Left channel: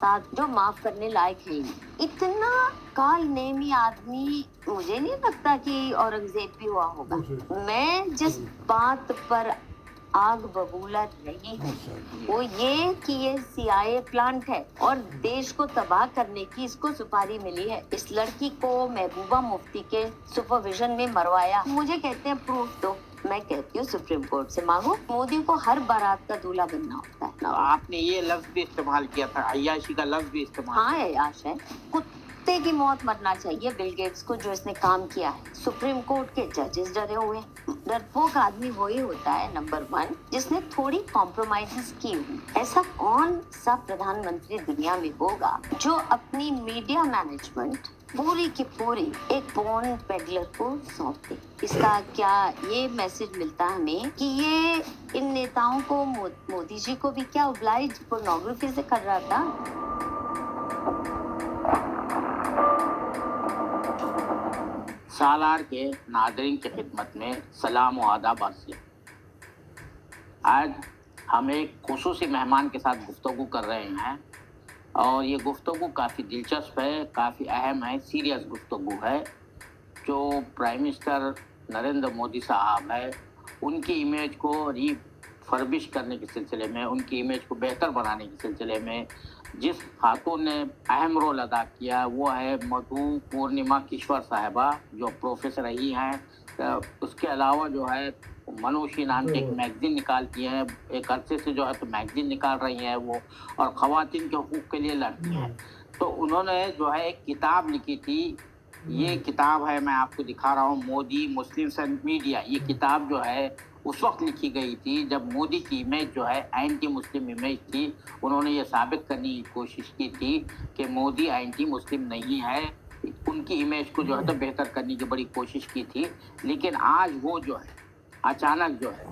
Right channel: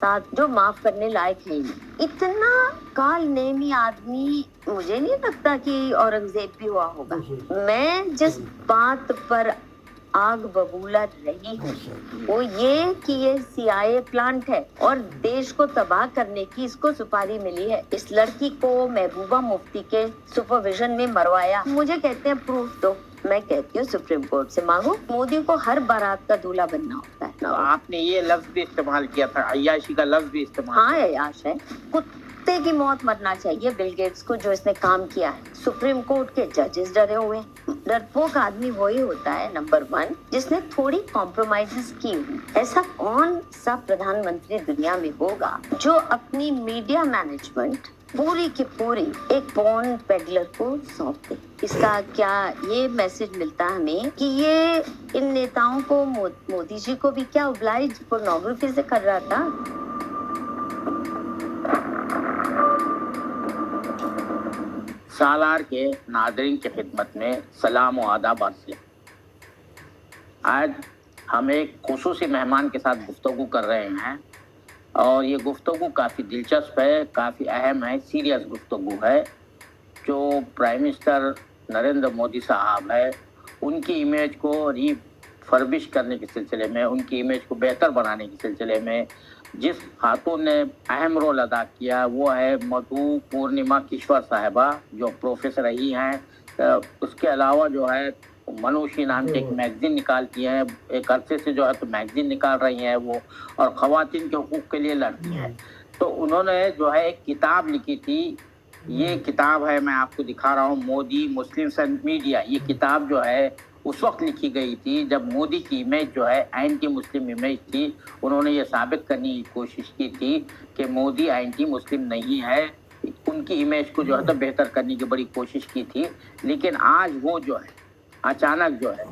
साथ जो माफ करने लायक है ही नहीं। इतना काल नेमी आदमी मुझे नहीं लगता कि औरंगजेब भी हुआ होगा। मैं जिस बात पर आग बबूला रही हूँ वो ये कि ये CIA प्लांट है और देश को तबाह करने की इसको सुपारी मिली है। इस लड़की को महबूबा मुफ्ती के सुपरविजन में मरवाया। मुझे कहते हैं प्रूफ दो, मैं कहती हूँ सुप्रीम कोर्ट से मांगो। मोदी को हर बारात का दूल्हा बनना होता है। तो आपने ये लफ्ज भी इस्तेमाल किया था, अय्याशी का लफ्ज भी इस्तेमाल। हाँ अय्याश है, कुत्ते की मौत मरना चाहिए बिल गेट्स को जो इसने काम किया है। सुप्रीम कोर्ट के जजेस डरे हुए। डरपोक आदमी वही होता है नंबर 1 जिसने थोड़ी कॉम्प्रोमाइजेस की हुई। ऐसा कौन सा प्रधानमंत्री दुनिया में होगा जो अपनी मीडिया मैनेजमेंट पूरी की पूरी एक पॉर्न पेडलर को सौंप दे। इसका क्या ये मैसेज मिलता हमें कि ये इन नेताओं को मोदी जी को भी क्या ओब्लाइज पोर्नोग्राफी से कर रहा था। सालार के नादरीन की खिदमत में सलाम व आदाब अर्ज़। आज हम एक खुसूसी मेहमान के साथ गुफ्तगू कर रहे हैं और ये गुफ्तगू काफ़ी दिलचस्प है, काफ़ी अहम है, सीरियस गुफ्तगू है। जो प्राइम मिनिस्टर नरेंद्र मोदी साहब है उनकी इमेज को रिफर्बिश करने के सिलसिले में, उनकी इमेज को बेहतर बनाने के सिलसिले में जिस खातून ने अहम रोल अदा किया वो है मधु पूर्णिमा किश्वर साहिबा, जो प्रोफेसर रही हैं। उसके अलावा जो है मनुषी नाम के एक मैगजीन निकालती हैं, एक अरसे से जो है तो मैगजीन निकाल रही हैं वो, और ख़वातीन के हुकूक़ के लिए लड़ती हैं। तो उन्होंने जो है एक किताब लिखी थी, ये किताब है, मैं आपको दिखा रहा हूँ, मोदी मुस्लिम्स एंड मीडिया। ये किताब जो है उस वक्त लिखी गई थी जब मोदी की इमेज जो है एंटी मुस्लिम इमेज थी। उन्होंने ये साबित करने की कोशिश की थी कि मोदी एंटी मुस्लिम नहीं है, उनकी इमेज को जो है तो बेहतर करने की बड़ी कोशिश की थी। लेकिन आज वो जो है अचानक जो है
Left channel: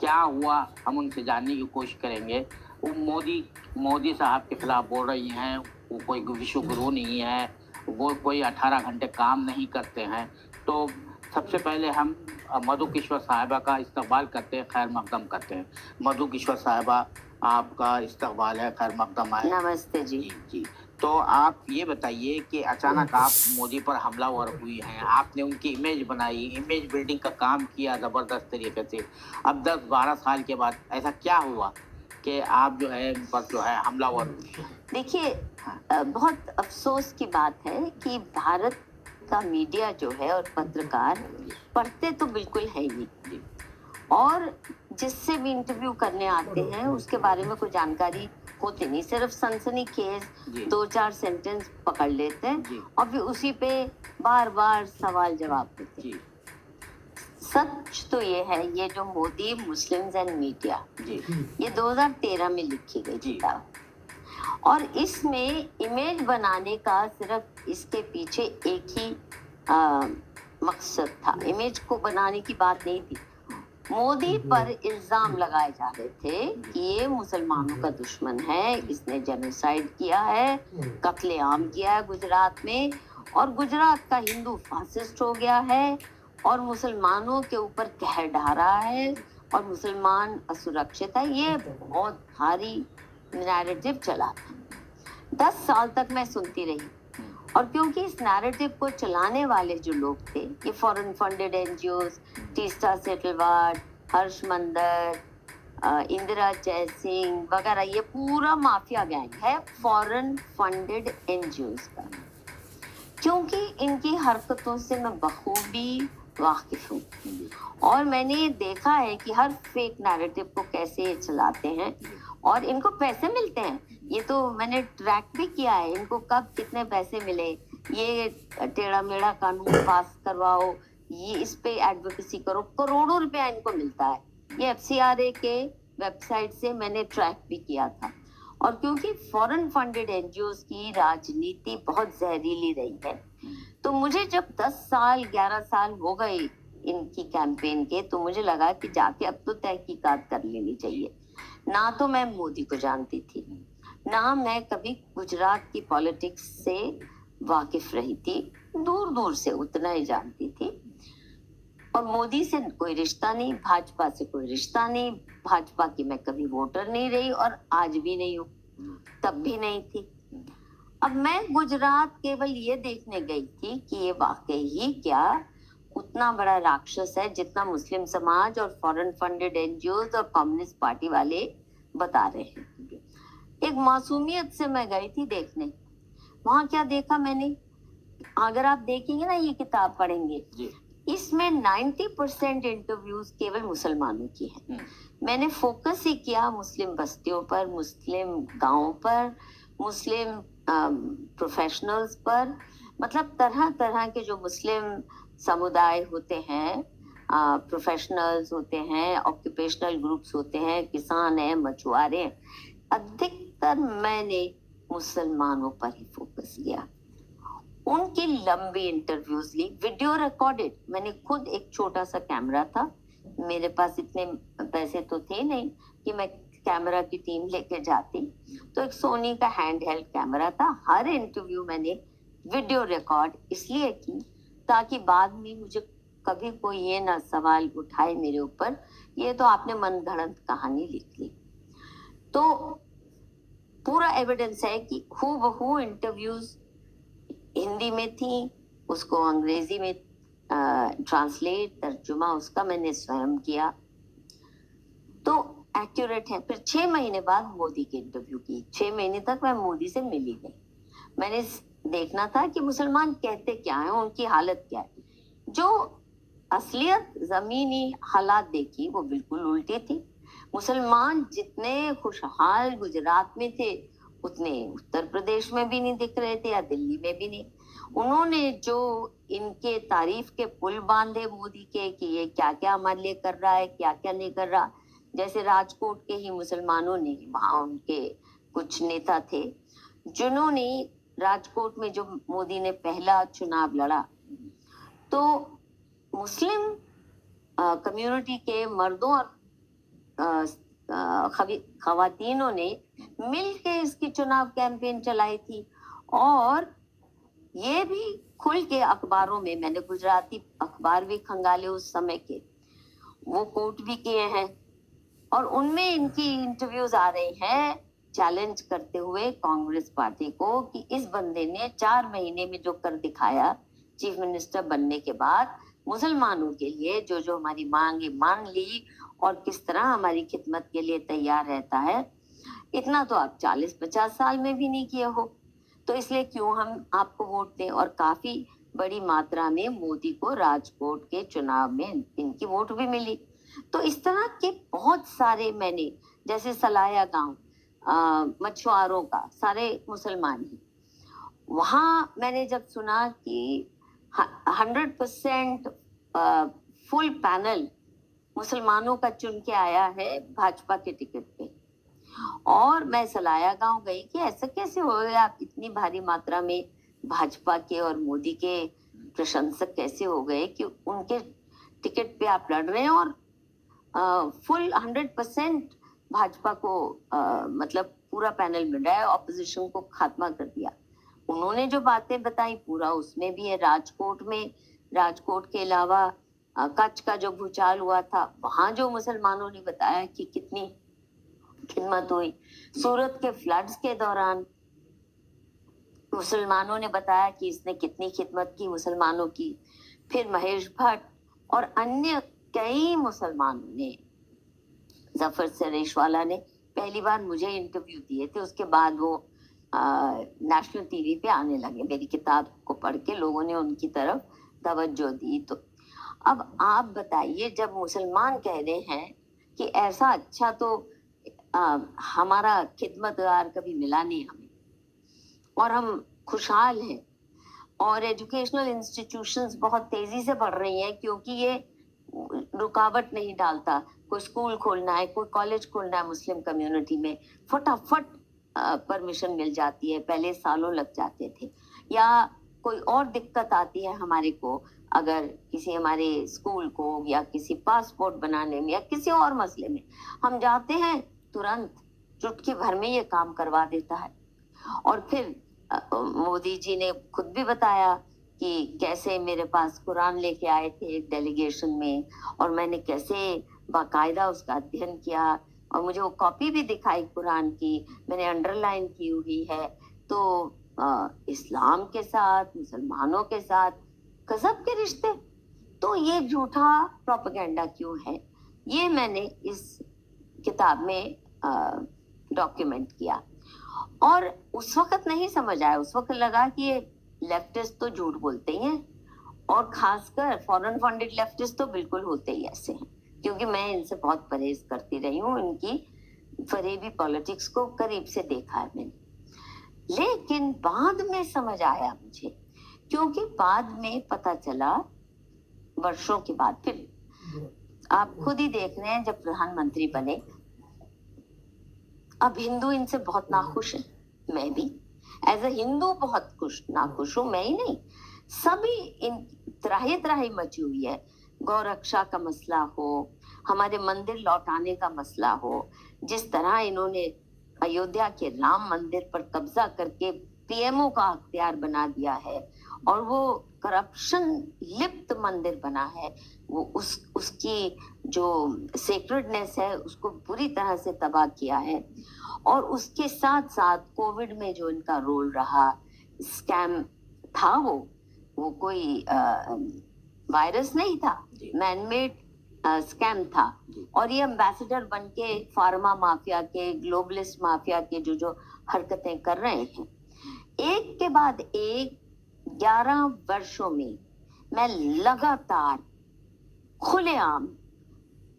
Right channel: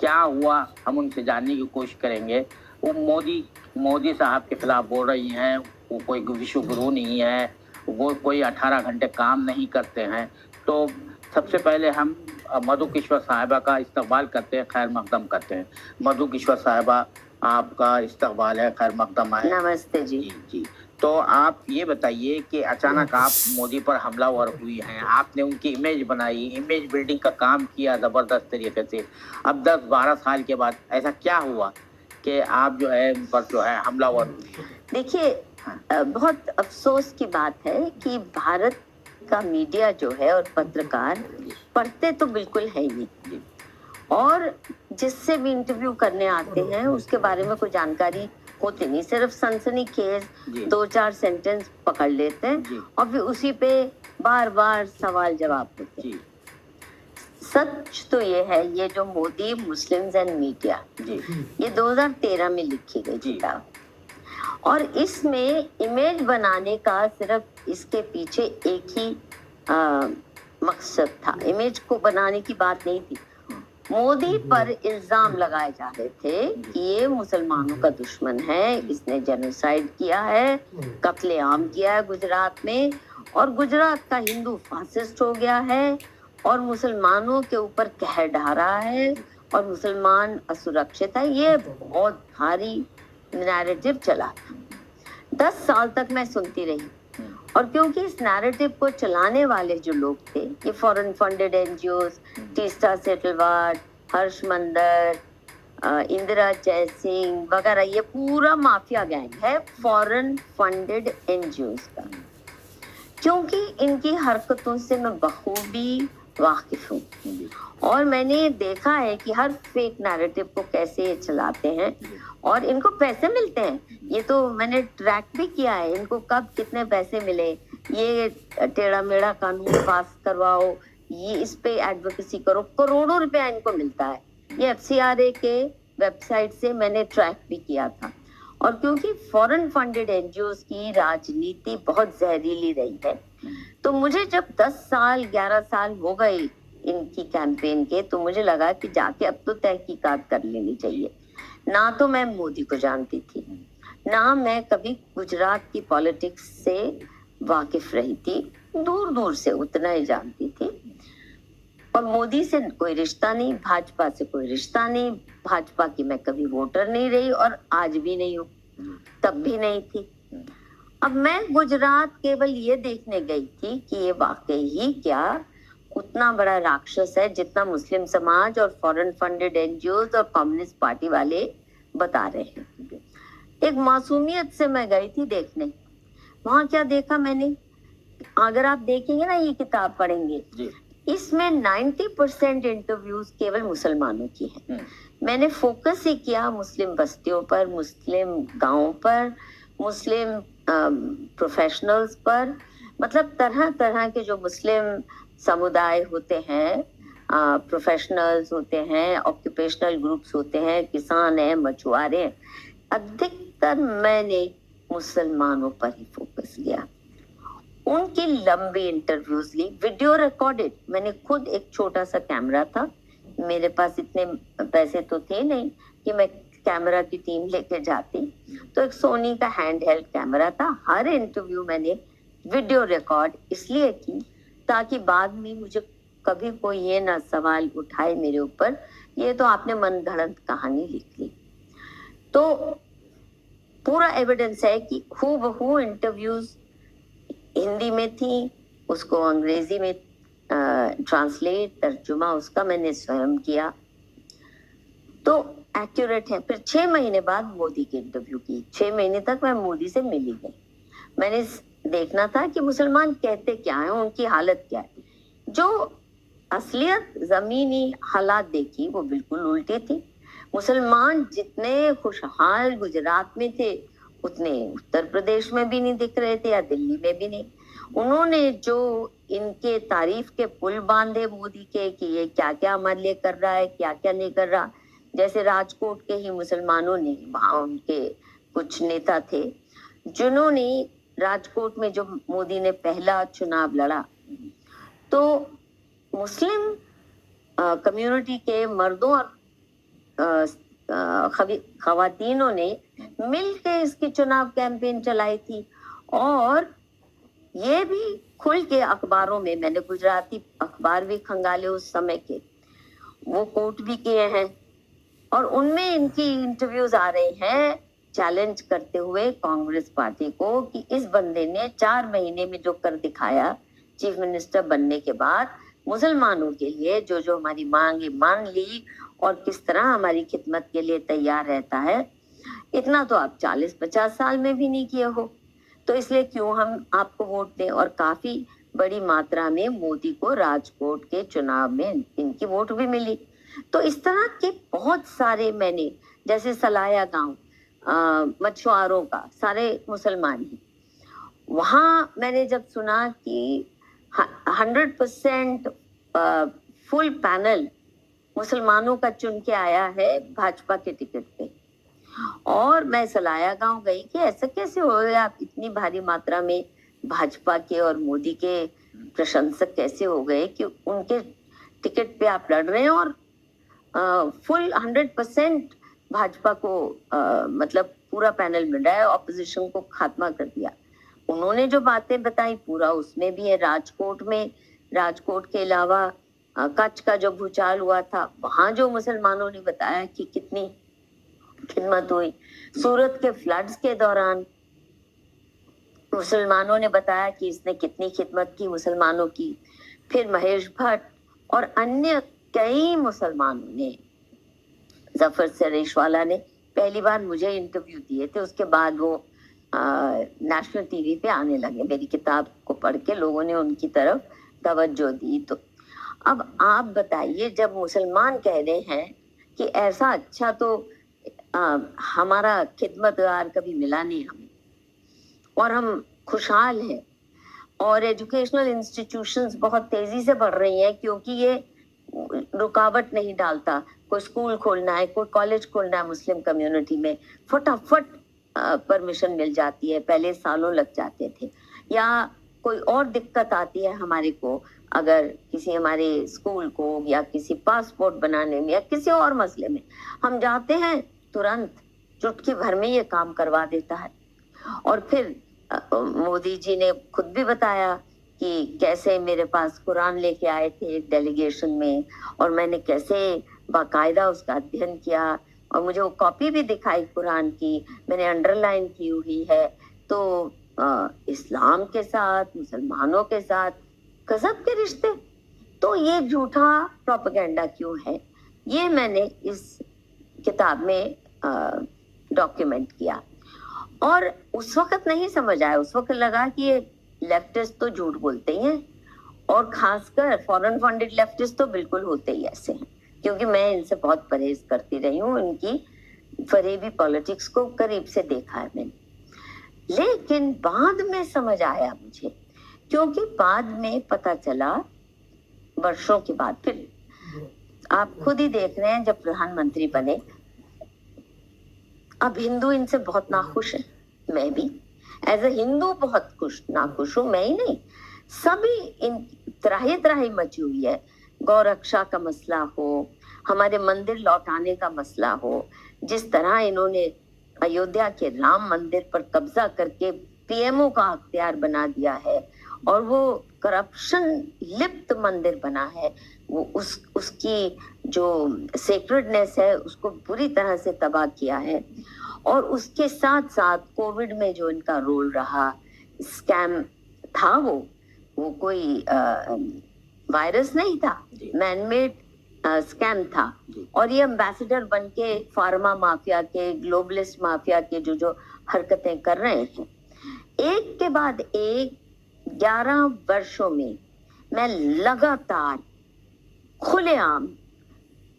क्या हुआ, हम उनसे जानने की कोशिश करेंगे। वो मोदी साहब के खिलाफ बोल रही हैं वो कोई विश्व गुरु नहीं है, वो कोई 18 घंटे काम नहीं करते हैं। तो सबसे पहले हम मधु किश्वर साहिबा का इस्तकबाल करते हैं, खैर मकदम करते हैं। मधु किश्वर साहिबा, आपका इस्तकबाल है, खैर मकदम है। नमस्ते जी। जी। तो आप ये बताइए कि अचानक आप मोदी पर हमलावर हुई हैं, आपने उनकी इमेज बनाई, इमेज बिल्डिंग का काम किया ज़बरदस्त तरीके से। अब 10-12 साल के बाद ऐसा क्या हुआ कि आप जो है उन पर जो है हमलावर हुई? देखिए, बहुत अफसोस की बात है कि भारत का मीडिया जो है और पत्रकार पढ़ते तो बिल्कुल है ही नहीं, और जिससे भी इंटरव्यू करने आते हैं उसके बारे में कोई जानकारी होती नहीं, सिर्फ सनसनीखेज 2-4 सेंटेंस पकड़ लेते हैं और फिर उसी पे बार बार सवाल जवाब होते हैं। सच तो ये है, ये जो मोदी मुस्लिम्स एंड मीडिया ये 2013 में लिखी गई किताब, और इसमें इमेज बनाने का सिर्फ इसके पीछे एक ही मकसद था, इमेज को बनाने की बात नहीं थी। मोदी पर इल्जाम लगाए जा रहे थे कि ये मुसलमानों का दुश्मन है, इसने जेनोसाइड किया है, कत्लेआम किया है गुजरात में, और गुजरात का हिंदू फासिस्ट हो गया है और मुसलमानों के ऊपर कहर ढा रहा है और मुसलमान असुरक्षित है। ये बहुत भारी नैरेटिव चला था। 10 साल तक मैं सुनती रही, और क्योंकि इस नैरेटिव को चलाने वाले जो लोग थे, ये foreign funded NGOs, Teesta Setalvad, Harsh Mander, Indira Jaising वगैरह, ये पूरा माफिया गैंग है फॉरेन फंडेड एनजीओज का। क्योंकि इनकी हरकतों से मैं बखूबी वाकिफ हूँ और मैंने देखा है कि हर फेक नैरेटिव को कैसे चलाते हैं और इनको पैसे मिलते हैं। ये तो मैंने ट्रैक भी किया है, इनको कब कितने पैसे मिले, ये टेढ़ा मेढ़ा कानून पास करवाओ, ये इस पे एडवोकेसी करो, करोड़ों रुपया इनको मिलता है। ये FCRA के वेबसाइट से मैंने ट्रैक भी किया था। और क्योंकि फॉरेन फंडेड एनजीओज की राजनीति बहुत जहरीली रही है, तो मुझे जब 10 साल 11 साल हो गए इनकी कैंपेन के, तो मुझे लगा कि जाके अब तो तहकीकात कर लेनी चाहिए। ना तो मैं मोदी को जानती थी, ना मैं कभी गुजरात की पॉलिटिक्स से वाकिफ रही थी, दूर दूर से उतना ही जानती थी। और मोदी से कोई रिश्ता नहीं, भाजपा से कोई रिश्ता नहीं, भाजपा की मैं कभी वोटर नहीं रही और आज भी नहीं हूँ। तब भी नहीं थी। अब मैं गुजरात केवल ये देखने गई थी कि ये वाकई ही क्या उतना बड़ा राक्षस है जितना मुस्लिम समाज और फॉरेन फंडेड एनजीओज और कम्युनिस्ट पार्टी वाले बता रहे हैं। एक मासूमियत से मैं गई थी देखने। वहां क्या देखा मैंने, अगर आप देखेंगे ना, ये किताब पढ़ेंगे, इसमें 90% इंटरव्यूज केवल मुसलमानों की है। मैंने फोकस ही किया मुस्लिम बस्तियों पर, मुस्लिम गांवों पर, मुस्लिम प्रोफेशनल्स पर, मतलब तरह तरह के जो मुस्लिम समुदाय होते हैं, प्रोफेशनल्स होते हैं, ऑक्यूपेशनल ग्रुप्स होते हैं, किसान हैं, मछुआरे हैं, अधिकतर मैंने मुसलमानों पर ही फोकस किया। उनकी लंबी इंटरव्यूज ली, वीडियो रिकॉर्डेड। मैंने खुद, एक छोटा सा कैमरा था मेरे पास, इतने पैसे तो थे नहीं कि मैं कैमरा की टीम लेके जाती, तो एक सोनी का हैंड हेल्ड कैमरा था। हर इंटरव्यू मैंने वीडियो रिकॉर्ड इसलिए की ताकि बाद में मुझे कभी कोई ये ना सवाल उठाए मेरे ऊपर, ये तो आपने मनगढ़ंत कहानी लिख ली। तो पूरा एविडेंस है कि हूबहू इंटरव्यूज हिंदी में थी, उसको अंग्रेजी में ट्रांसलेट, तर्जुमा उसका मैंने स्वयं किया, तो एक्यूरेट है। फिर 6 महीने बाद मोदी की इंटरव्यू की। 6 महीने तक मैं मोदी से मिली गई। मैंने देखना था कि मुसलमान कहते क्या हैं, उनकी हालत क्या है। जो असलियत जमीनी हालात देखी वो बिल्कुल उल्टी थी। मुसलमान जितने खुशहाल गुजरात में थे उतने उत्तर प्रदेश में भी नहीं दिख रहे थे या दिल्ली में भी नहीं। उन्होंने जो इनके तारीफ के पुल बांधे मोदी के कि ये क्या क्या हमारे लिए कर रहा है, क्या क्या नहीं कर रहा। जैसे राजकोट के ही मुसलमानों ने, वहां उनके कुछ नेता थे जिन्होंने राजकोट में जो मोदी ने पहला चुनाव लड़ा, तो मुस्लिम कम्युनिटी के मर्दों और खवातीनों ने मिलकर इसकी चुनाव कैंपेन चलाई थी। और ये भी खुल के अखबारों में, मैंने गुजराती अखबार भी खंगाले उस समय के, वो कोट भी किए हैं, और उनमें इनकी इंटरव्यूज आ रहे हैं चैलेंज करते हुए कांग्रेस पार्टी को कि इस बंदे ने 4 महीने में जो कर दिखाया चीफ मिनिस्टर बनने के बाद, मुसलमानों के लिए जो जो हमारी मांगे मान ली और किस तरह हमारी खिदमत के लिए तैयार रहता है, इतना तो आप 40-50 साल में भी नहीं किए हो, तो इसलिए क्यों हम आपको वोट दें। और काफी बड़ी मात्रा में मोदी को राजकोट के चुनाव में इनकी वोट भी मिली। तो इस तरह के बहुत सारे मैंने, जैसे सलाया गांव मछुआरों का, सारे मुसलमान ही, वहां मैंने जब सुना कि 100% फुल पैनल मुसलमानों का चुन के आया है भाजपा के टिकट पे, और मैं सलाया गांव गई कि ऐसा कैसे हो गया, आप इतनी भारी मात्रा में भाजपा के और मोदी के प्रशंसक कैसे हो गए कि उनके टिकट पे आप लड़ रहे हैं और फुल 100% भाजपा को मतलब पूरा पैनल मिल रहा है, ऑपोजिशन को खात्मा कर दिया। उन्होंने जो बातें बताई पूरा उसमें भी है। राजकोट में, राजकोट के अलावा कच्छ का जो भूचाल हुआ था, वहां जो मुसलमानों ने बताया कि कितनी खिदमत हुई। सूरत के फ्लड्स के दौरान मुसलमानों ने बताया कि इसने कितनी खिदमत की मुसलमानों की। फिर महेश भट्ट और अन्य कई मुसलमानों ने, जफर सरेशवाला ने पहली बार मुझे इंटरव्यू दिए थे, उसके बाद वो नेशनल टीवी पे आने लगे। मेरी किताब को पढ़ के लोगों ने उनकी तरफ तवज्जो दी। तो अब आप बताइए, जब मुसलमान कह रहे हैं कि ऐसा अच्छा तो हमारा खिदमतगार कभी मिला नहीं हमें, और हम खुशहाल हैं, और एजुकेशनल इंस्टीट्यूशंस बहुत तेजी से बढ़ रही हैं क्योंकि ये रुकावट नहीं डालता। कोई स्कूल खोलना है, कोई कॉलेज खोलना है मुस्लिम कम्युनिटी में, फटाफट परमिशन मिल जाती है, पहले सालों लग जाते थे। या कोई और दिक्कत आती है हमारे को, अगर किसी हमारे स्कूल को या किसी पासपोर्ट बनाने में या किसी और मसले में हम जाते हैं, तुरंत चुटकी भर में ये काम करवा देता है। और फिर मोदी जी ने खुद भी बताया कि कैसे मेरे पास कुरान लेके आए थे एक डेलीगेशन में, और मैंने कैसे बाकायदा उसका अध्ययन किया, और मुझे वो कॉपी भी दिखाई कुरान की, मैंने अंडरलाइन की हुई है। तो इस्लाम के साथ, मुसलमानों के साथ गजब के रिश्ते। तो ये झूठा प्रोपेगेंडा क्यों है, ये मैंने इस किताब में डॉक्यूमेंट किया। और उस वक्त नहीं समझ आया, उस वक्त लगा कि ये लेफ्टिस्ट तो झूठ बोलते ही हैं, और खासकर फॉरेन फंडेड लेफ्टिस्ट तो बिल्कुल होते ही ऐसे हैं, क्योंकि मैं इनसे बहुत परहेज करती रही हूँ, इनकी फरेबी पॉलिटिक्स को करीब से देखा है मैंने। लेकिन बाद में समझ आया मुझे, क्योंकि बाद में पता चला, वर्षों के बाद, फिर आप खुद ही देख रहे हैं जब प्रधानमंत्री बने, अब हिंदू इनसे बहुत नाखुश है। मैं भी एज ए हिंदू बहुत नाखुश हूँ, मैं ही नहीं, सभी इन त्राही त्राही मची हुई है। गौरक्षा का मसला हो, हमारे मंदिर लौटाने का मसला हो, जिस तरह इन्होंने अयोध्या के राम मंदिर पर कब्जा करके पीएमओ का अख्तियार बना दिया है, और वो करप्शन लिप्त मंदिर बना है, वो उसकी जो सेक्रेडनेस है उसको बुरी तरह से तबाह किया है। और उसके साथ साथ कोविड में जो इनका रोल रहा, स्कैम था, वो कोई वायरस नहीं था, मैनमेड स्कैम था। और ये एम्बेसडर बन के फार्मा माफिया के, ग्लोबलिस्ट माफिया के जो हरकतें कर रहे हैं, एक के बाद एक 11 वर्षों में मैं लगातार खुलेआम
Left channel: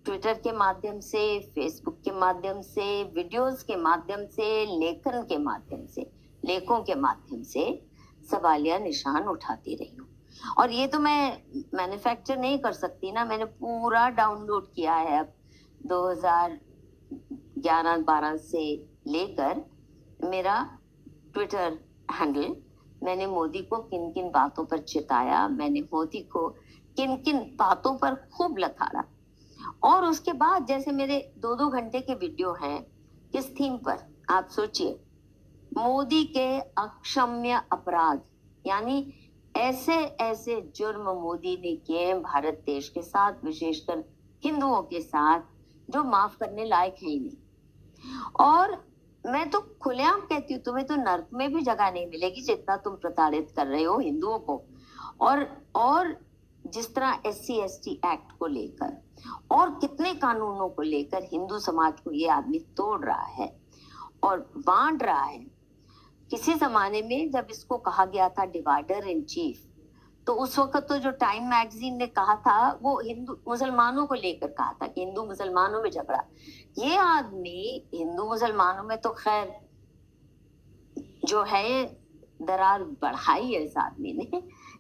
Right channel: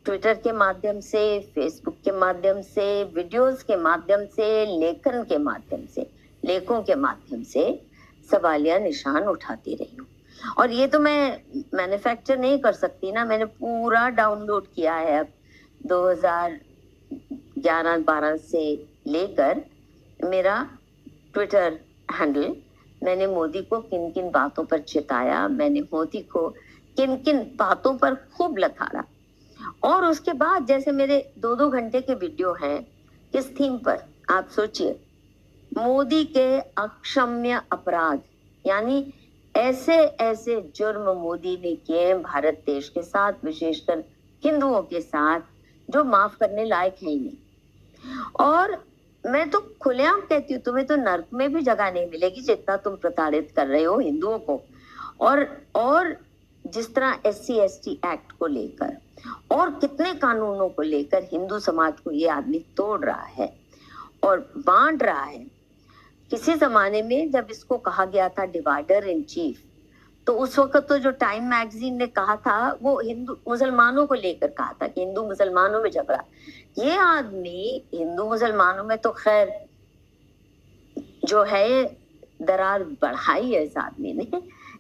ट्विटर के माध्यम से, फेसबुक के माध्यम से, वीडियोस के माध्यम से, लेखन के माध्यम से, लेखों के माध्यम से सवालिया निशान उठाती रही हूँ। और ये तो मैं मैन्युफैक्चर नहीं कर सकती ना, मैंने पूरा डाउनलोड किया है अब 2011-12 से लेकर मेरा ट्विटर हैंडल। मैंने मोदी को किन किन बातों पर चिताया, मैंने मोदी को किन किन बातों पर खूब लताड़ा। और उसके बाद जैसे मेरे 2-2 घंटे के वीडियो हैं, किस थीम पर, आप सोचिए, मोदी के अक्षम्य अपराध, यानी ऐसे ऐसे जुर्म मोदी ने किए भारत देश के साथ, विशेषकर हिंदुओं के साथ, जो माफ करने लायक है ही नहीं। और मैं तो खुलेआम कहती हूँ, तुम्हें तो नर्क में भी जगह नहीं मिलेगी जितना तुम प्रताड़ित कर रहे हो हिंदुओं को। और जिस तरह SC/ST एक्ट को लेकर और कितने कानूनों को लेकर हिंदू समाज को ये आदमी तोड़ रहा है और बांट रहा है। किसी जमाने में जब इसको कहा गया था डिवाइडर इन चीफ, तो उस वक्त तो जो टाइम मैगजीन ने कहा था, वो हिंदू मुसलमानों को लेकर कहा था कि हिंदू मुसलमानों में झगड़ा। ये आदमी हिंदू मुसलमानों में तो खैर जो है दरार बढ़ाई है इस आदमी ने,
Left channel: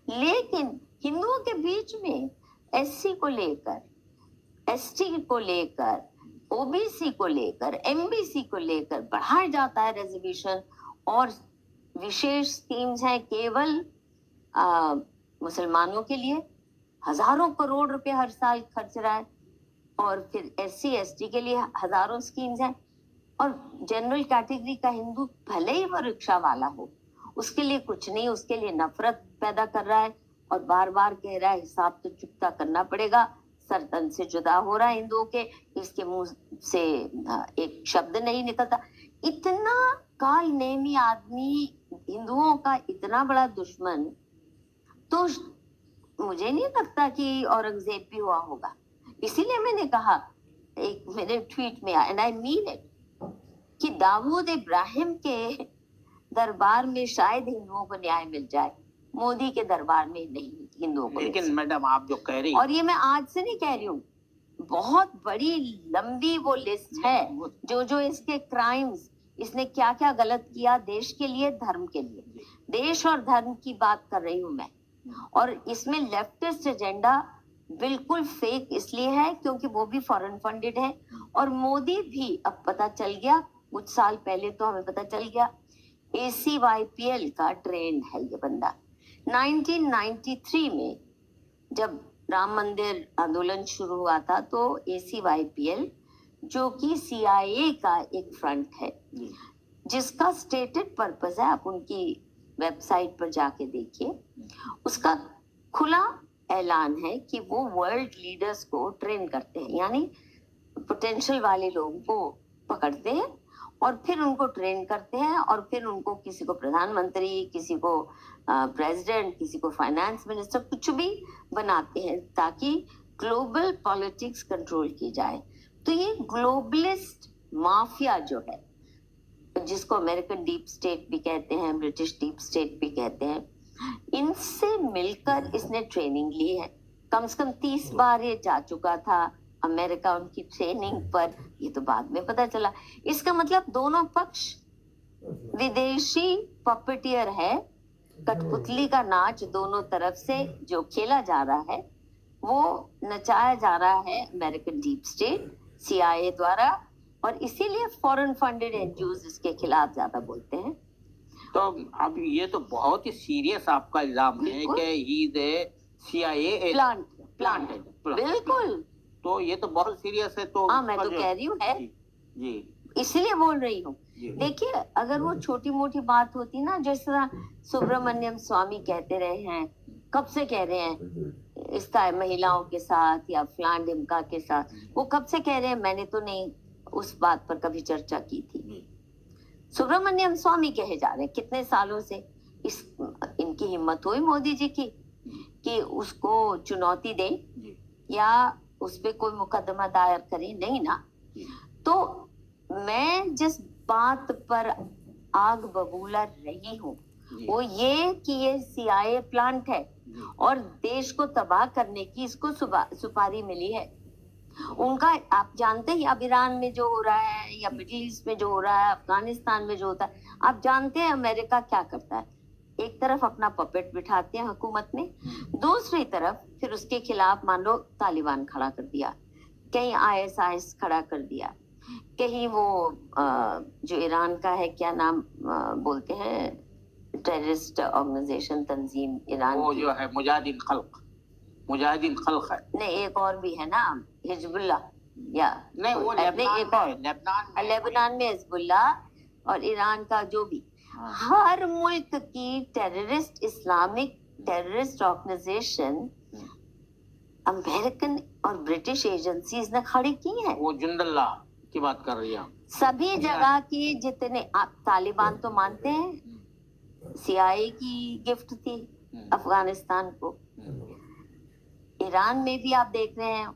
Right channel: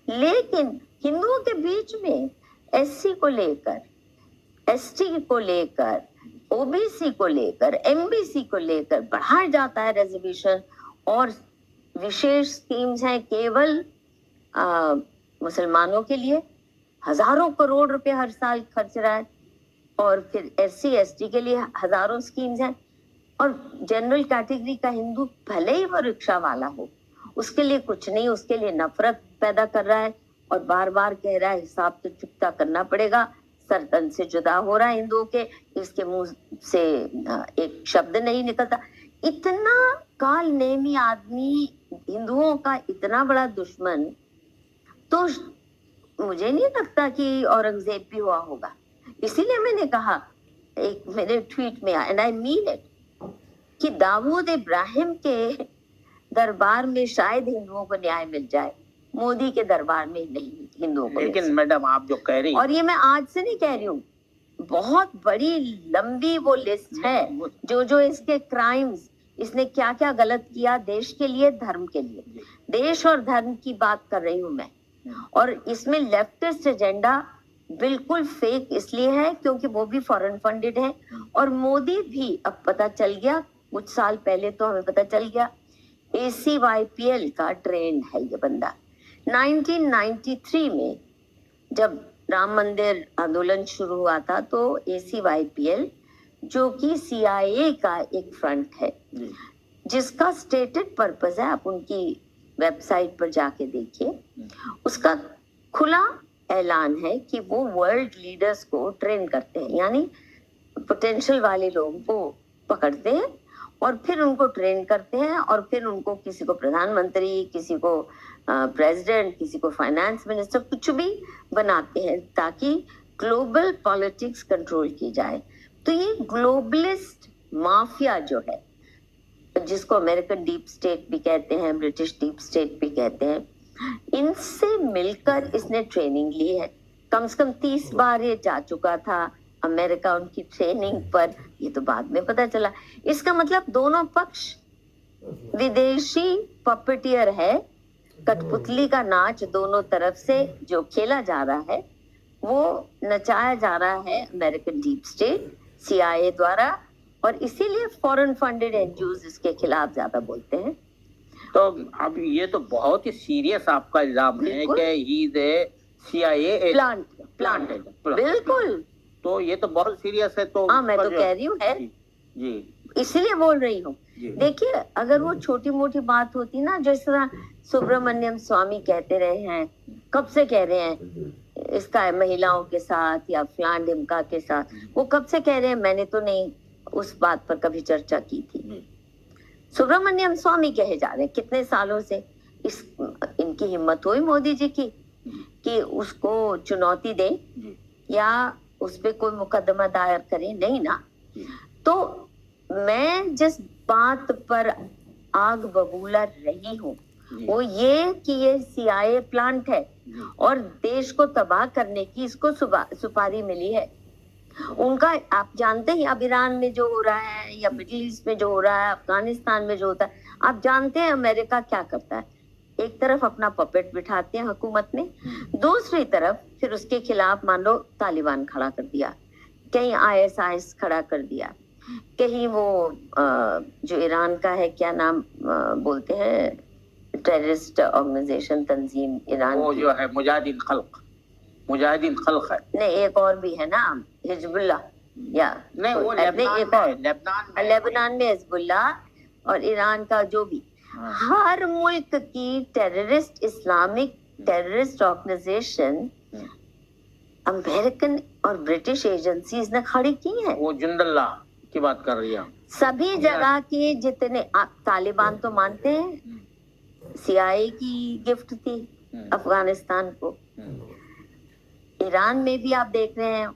लेकिन हिंदुओं के बीच में SC को लेकर, ST को लेकर, OBC को लेकर, MBC को लेकर बढ़ाया जाता है रिजर्वेशन, और विशेष स्कीम्स हैं केवल मुसलमानों के लिए, हजारों करोड़ रुपए हर साल खर्च रहा है। और फिर SC/ST के लिए हजारों स्कीम्स हैं, और जनरल कैटेगरी का हिंदू भले ही वो रिक्शा वाला हो, उसके लिए कुछ नहीं, उसके लिए नफरत पैदा कर रहा है और बार बार कह रहा है हिसाब तो चुकता करना पड़ेगा, सर तन से जुदा हो रहा है हिंदुओं के, इसके मुंह से एक शब्द नहीं निकलता। इतना काल नेमी आदमी, हिंदुओं का इतना बड़ा दुश्मन, तो मुझे नहीं लगता कि औरंगजेब भी हुआ होगा। इसीलिए मैंने कहा एक मेरे ट्वीट में, एंड आई मीन इट, कि दाऊद इब्राहिम के दरबार में शायद हिंदुओं को न्याय मिल जाए, मोदी के दरबार में नहीं हिंदुओं को। लेकिन मैडम आप जो कह रही, और ये मैं आज से नहीं कह रही हूँ, बहुत बड़ी लंबी वो लिस्ट है, जो इसके क्राइम्स, इसने क्या क्या गलत किया देश के लिए, धर्म के लिए, देश और धर्म की बात कर रही हूँ मैं। और इसमें लेफ्टिस्ट एजेंडा बिल्कुल फेक इसलिए है क्योंकि वो भी फॉरेन फंडेड है, और मोदी भी, अब पता चल गया, कुछ साल पहले तो हमें पता चल गया, ACYPL का ट्रेंड है ये बंदा। 1993 में जब राम मंदिर आंदोलन शुरू हुआ था, तो ACYPL, जो कि CIA का एक फ्रंट है, जिसका स्टेटेड पर्पस है, आप उनकी वेबसाइट पर जाके देखिए, उसका खुला ऐलान है कि वो वर्ल्ड लीडर्स को ट्रेन करते हैं, यानी पोटेंशियल वाले लोगों को पकड़ते हैं और फिर उनको ट्रेन करते हैं और फिर उनको किसी को प्रधानमंत्री, किसी को प्रेसिडेंट, किसी को फाइनेंस मिनिस्टर, कुछ भी बनाते हैं ताकि ग्लोबल पॉलिटिक्स कंट्रोल की जाए। तो ये ग्लोबलिस्ट माफिया जो है, जिसको अमेरिकन डीप स्टेट भी कहते हैं, ब्रिटिश डीप स्टेट भी कहते हैं, इनसे मिलकर इसने ट्रेनिंग ली है। कम से कम 30 बार ये जा चुका था अमेरिका उनकी ट्रेनिंग पर, ये तो बाद में पता चला। इसका मतलब दोनों पक्ष विदेशी पपेटियर है, कठपुतली का नाच दोनों तरफ से जो खेला जा रहा है वो नचाया जा रहा है अमेरिकन डीप स्टेट, CIA द्वारा, और इसीलिए फॉरेन फंडेड एनजीओज इसके खिलाफ ज्यादा बोलते हैं। तो अब ये तो बहुत ही सीरियस आपका इल्जाम है कि he is a CIA plant है। बिल्कुल, तो ये तो बहुत सीरियस है। तो हाँ, मैं तो कह रही हूँ है जी, इसलिए बोल रही हूँ। देखिए, अगर वो छोटी मोटी बात होती ना, जिस तरह सुब्रमण्यम स्वामी कहते रहे हैं, कब से कह रहे हैं इसका महिलाओं के साथ या फलान ढिमका के साथ, वो कब से कह रहे हैं, मैंने तो नहीं उस बात पर कभी चर्चा की थी। सुब्रमण्यम स्वामी कहे जा रहे हैं कितने सालों से। इनकी हिम्मत हुई मोदी जी की कि उसको चुनौती दे या उस पे कोई मुकदमा दायर करे, नहीं ना। तो मैं जिस बात पर आग बबूला रही हूँ वो ये कि ये CIA प्लांट है और देश को तबाह करने की इसको सुपारी मिली है। उनका आप जानते हैं, अब ईरान में जो हो रहा है या मिडिल ईस्ट में जो हो रहा है, अफगानिस्तान में जो होता है, आप जानते हैं अमेरिका क्या करता है। एक तरफ अपना पपेट बिठाते हैं हुकूमत में, दूसरी तरफ फिर उसके खिलाफ मान लो तालिबान खड़ा कर दिया, कहीं ISIS खड़ा कर दिया, कहीं वो जो ईरान का है, क्या नाम बोलते हैं, टेररिस्ट ऑर्गेनाइजेशन, तंजीम ईरान वो की, जो है मुजाहिदीन खल्क है। नहीं, एक और भी है ना, हिजबुल्लाह, या नहीं, वो लेबनान में हिजबुल्लाह, और ईरान का जो भी, हर मुल्क की terrorist, Islamic terrorist organization American और ब्रिटिश एजेंसीज ने खड़ी की है। वो जुंदल्ला की बात कर रही है। सभी जगह के जितने, आप तालिबान तो मानते हैं CIA की गिफ्ट थी अफगानिस्तान को। ईरान में भी आप देख रहे हैं,